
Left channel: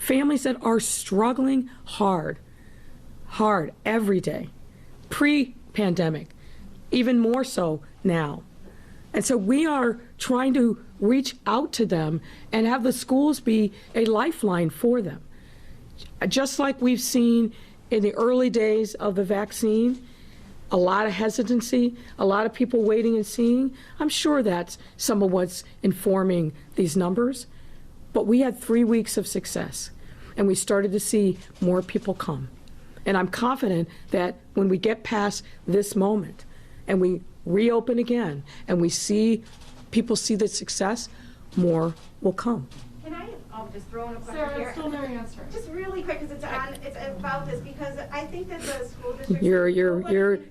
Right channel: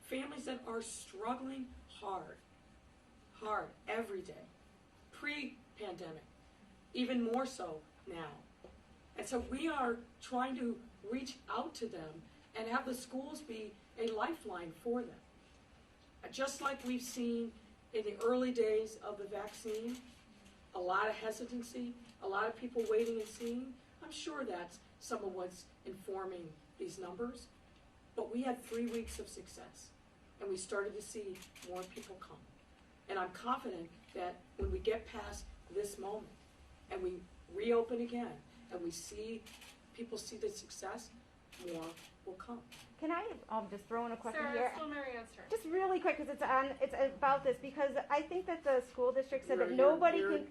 families that are struggling hard every day, pre-pandemic, even more so now. And so we are trying to reach out to them and have the schools be a lifeline for them. Just like we've seen in the early days of the vaccine, a lot of hesitancy, a lot of people waiting and seeing. I'm sure that's some of what's informing these numbers. But we had 3 weeks of success. and we started to see more people come. And I'm confident that when we get past this moment and we reopen again and we see people see the success, more will come. Can I just throw in a question Sarah, here? it's still Mary Ann's turn. Just really quick, because it's about this, because I think that the school district.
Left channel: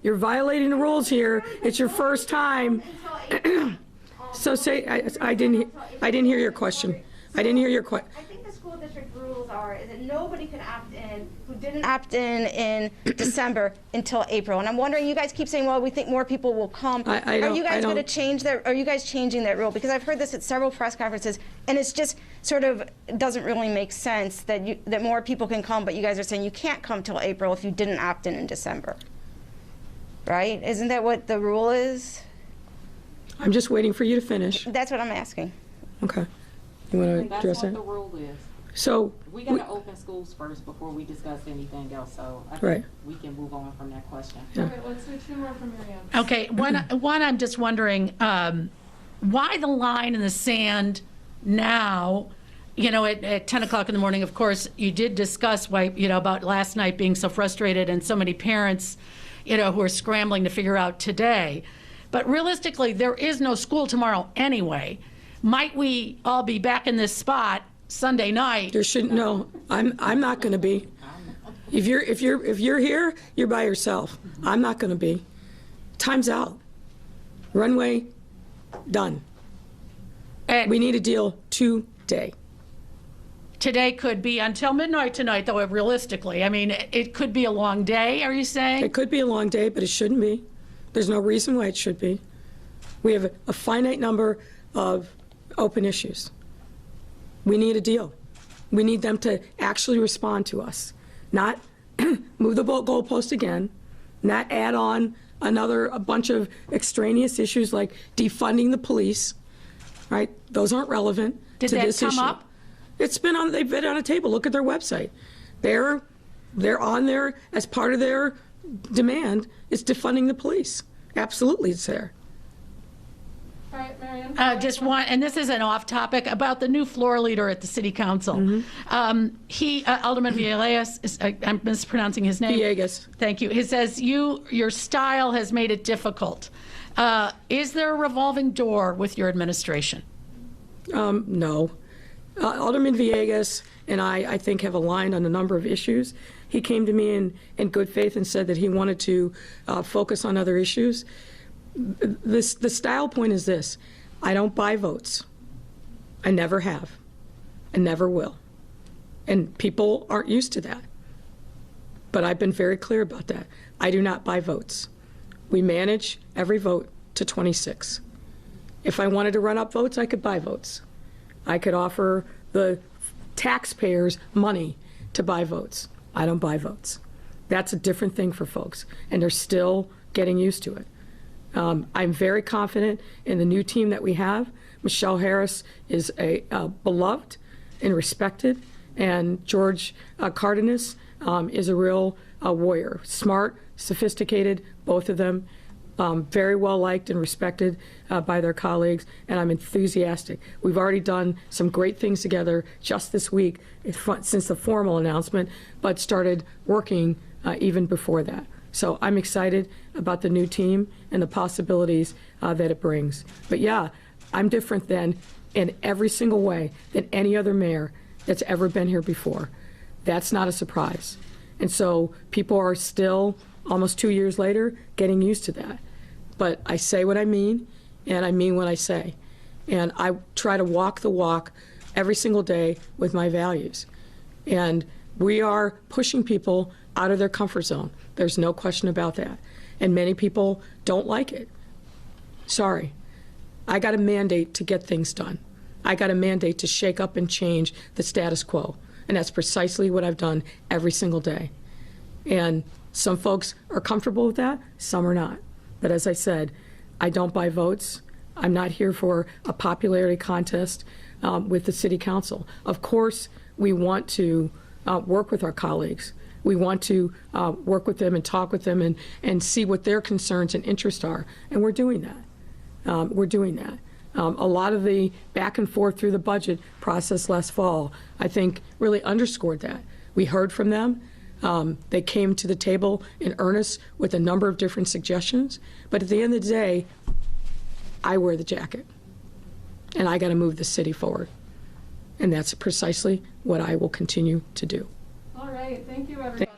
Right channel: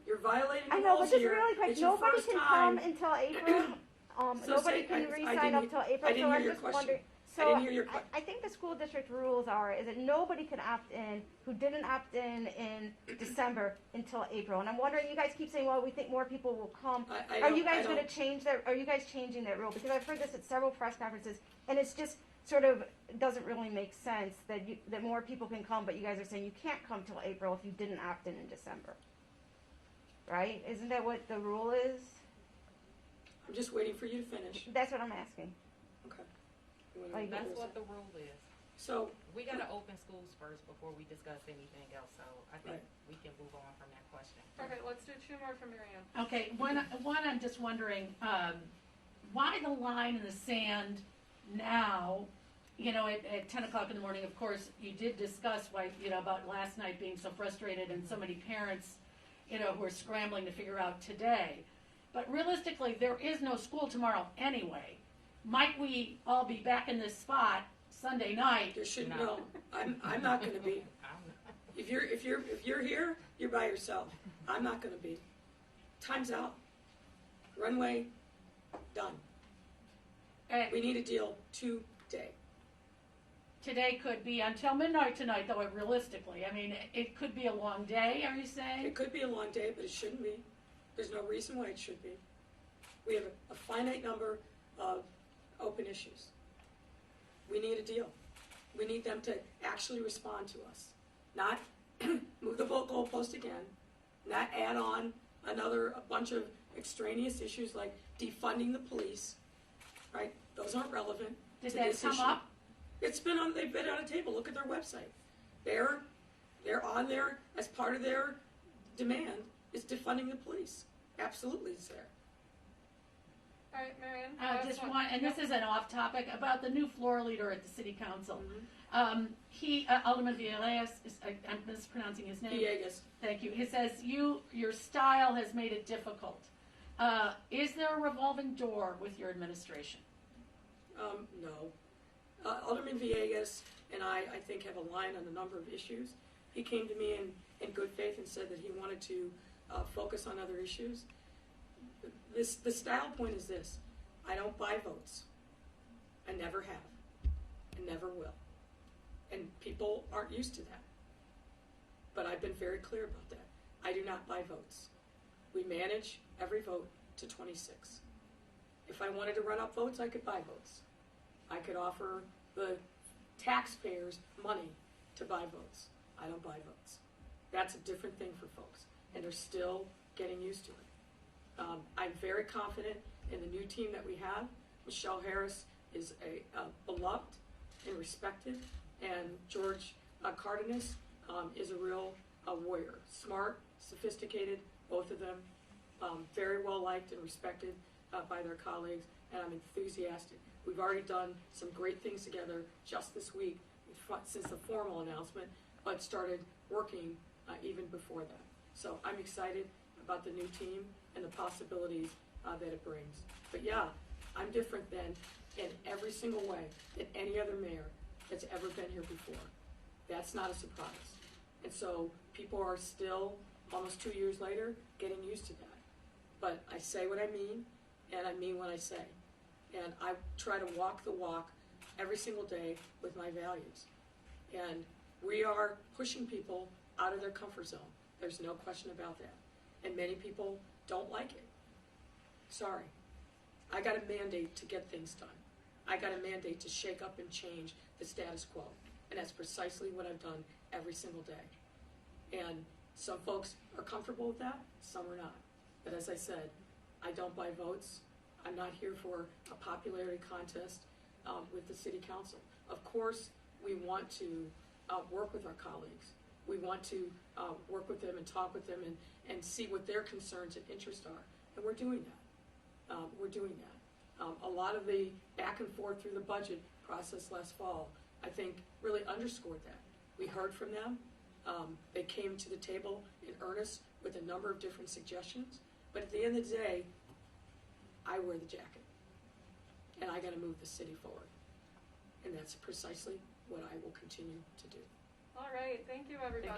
You're violating the rules here. It's your first time. So say, I didn't hear your question. I didn't hear your question. I think the school district rules are is that nobody can opt in who didn't opt in December until April. And I'm wondering, you guys keep saying, well, we think more people will come. Are you guys going to change that? Are you guys changing that rule? Because I've heard this at several press conferences, and it's just sort of doesn't really make sense that more people can come, but you guys are saying you can't come till April if you didn't opt in December. Right? Isn't that what the rule is? I'm just waiting for you to finish. That's what I'm asking. Okay. You want to That's address what that? the rule is. So, We gotta open schools first before we discuss anything else, so I Right. think we can move on from that question. Okay, let's do two more from Mary Ann. Okay, one I'm just wondering, why the line in the sand now? You know, at 10 o'clock in the morning, of course, you did discuss why, you know, about last night being so frustrated and so many parents, you know, who are scrambling to figure out today. But realistically, there is no school tomorrow anyway. Might we all be back in this spot Sunday night? there shouldn't, no, I'm not going to be. If you're here, you're by yourself. I'm not going to be. Time's out. Runway, done. And We need a deal today. today could be until midnight tonight, though, realistically. I mean, it could be a long day, are you saying? It could be a long day, but it shouldn't be. There's no reason why it should be. We have a finite number of open issues. We need a deal. We need them to actually respond to us, not move the goalpost again, not add on a bunch of extraneous issues like defunding the police, right? Those aren't relevant Did to that this come issue. up? They've been on a table. Look at their website. They're on there as part of their demand is defunding the police. Absolutely, it's there. All right, Mary Ann. Just one, and this isn't off topic, about the new floor leader at the city council. Alderman Villegas, I'm mispronouncing his name. Villegas. Thank you. He says your style has made it difficult. Is there a revolving door with your administration? No. Alderman Villegas and I think, have aligned on a number of issues. He came to me in good faith and said that he wanted to focus on other issues. The style point is this: I don't buy votes. I never have. I never will. And people aren't used to that. But I've been very clear about that. I do not buy votes. We manage every vote to 26. If I wanted to run up votes, I could buy votes. I could offer the taxpayers money to buy votes. I don't buy votes. That's a different thing for folks, and they're still getting used to it. I'm very confident in the new team that we have. Michelle Harris is a beloved and respected, and George Cardenas is a real warrior. Smart, sophisticated, both of them. Very well liked and respected by their colleagues, and I'm enthusiastic. We've already done some great things together just this week since the formal announcement, but started working even before that. So I'm excited about the new team and the possibilities that it brings. But yeah, I'm different than, in every single way, than any other mayor that's ever been here before. That's not a surprise. And so people are still, almost 2 years later, getting used to that. But I say what I mean, and I mean what I say. And I try to walk the walk every single day with my values. And we are pushing people out of their comfort zone. There's no question about that. And many people don't like it. Sorry. I got a mandate to get things done. I got a mandate to shake up and change the status quo. And that's precisely what I've done every single day. And some folks are comfortable with that, some are not. But as I said, I don't buy votes. I'm not here for a popularity contest with the city council. Of course, we want to work with our colleagues. We want to work with them and talk with them and see what their concerns and interests are. And we're doing that. We're doing that. A lot of the back and forth through the budget process last fall, I think, really underscored that. We heard from them. They came to the table in earnest with a number of different suggestions. But at the end of the day, I wear the jacket. And I got to move the city forward. And that's precisely what I will continue to do. All right, thank you, everybody.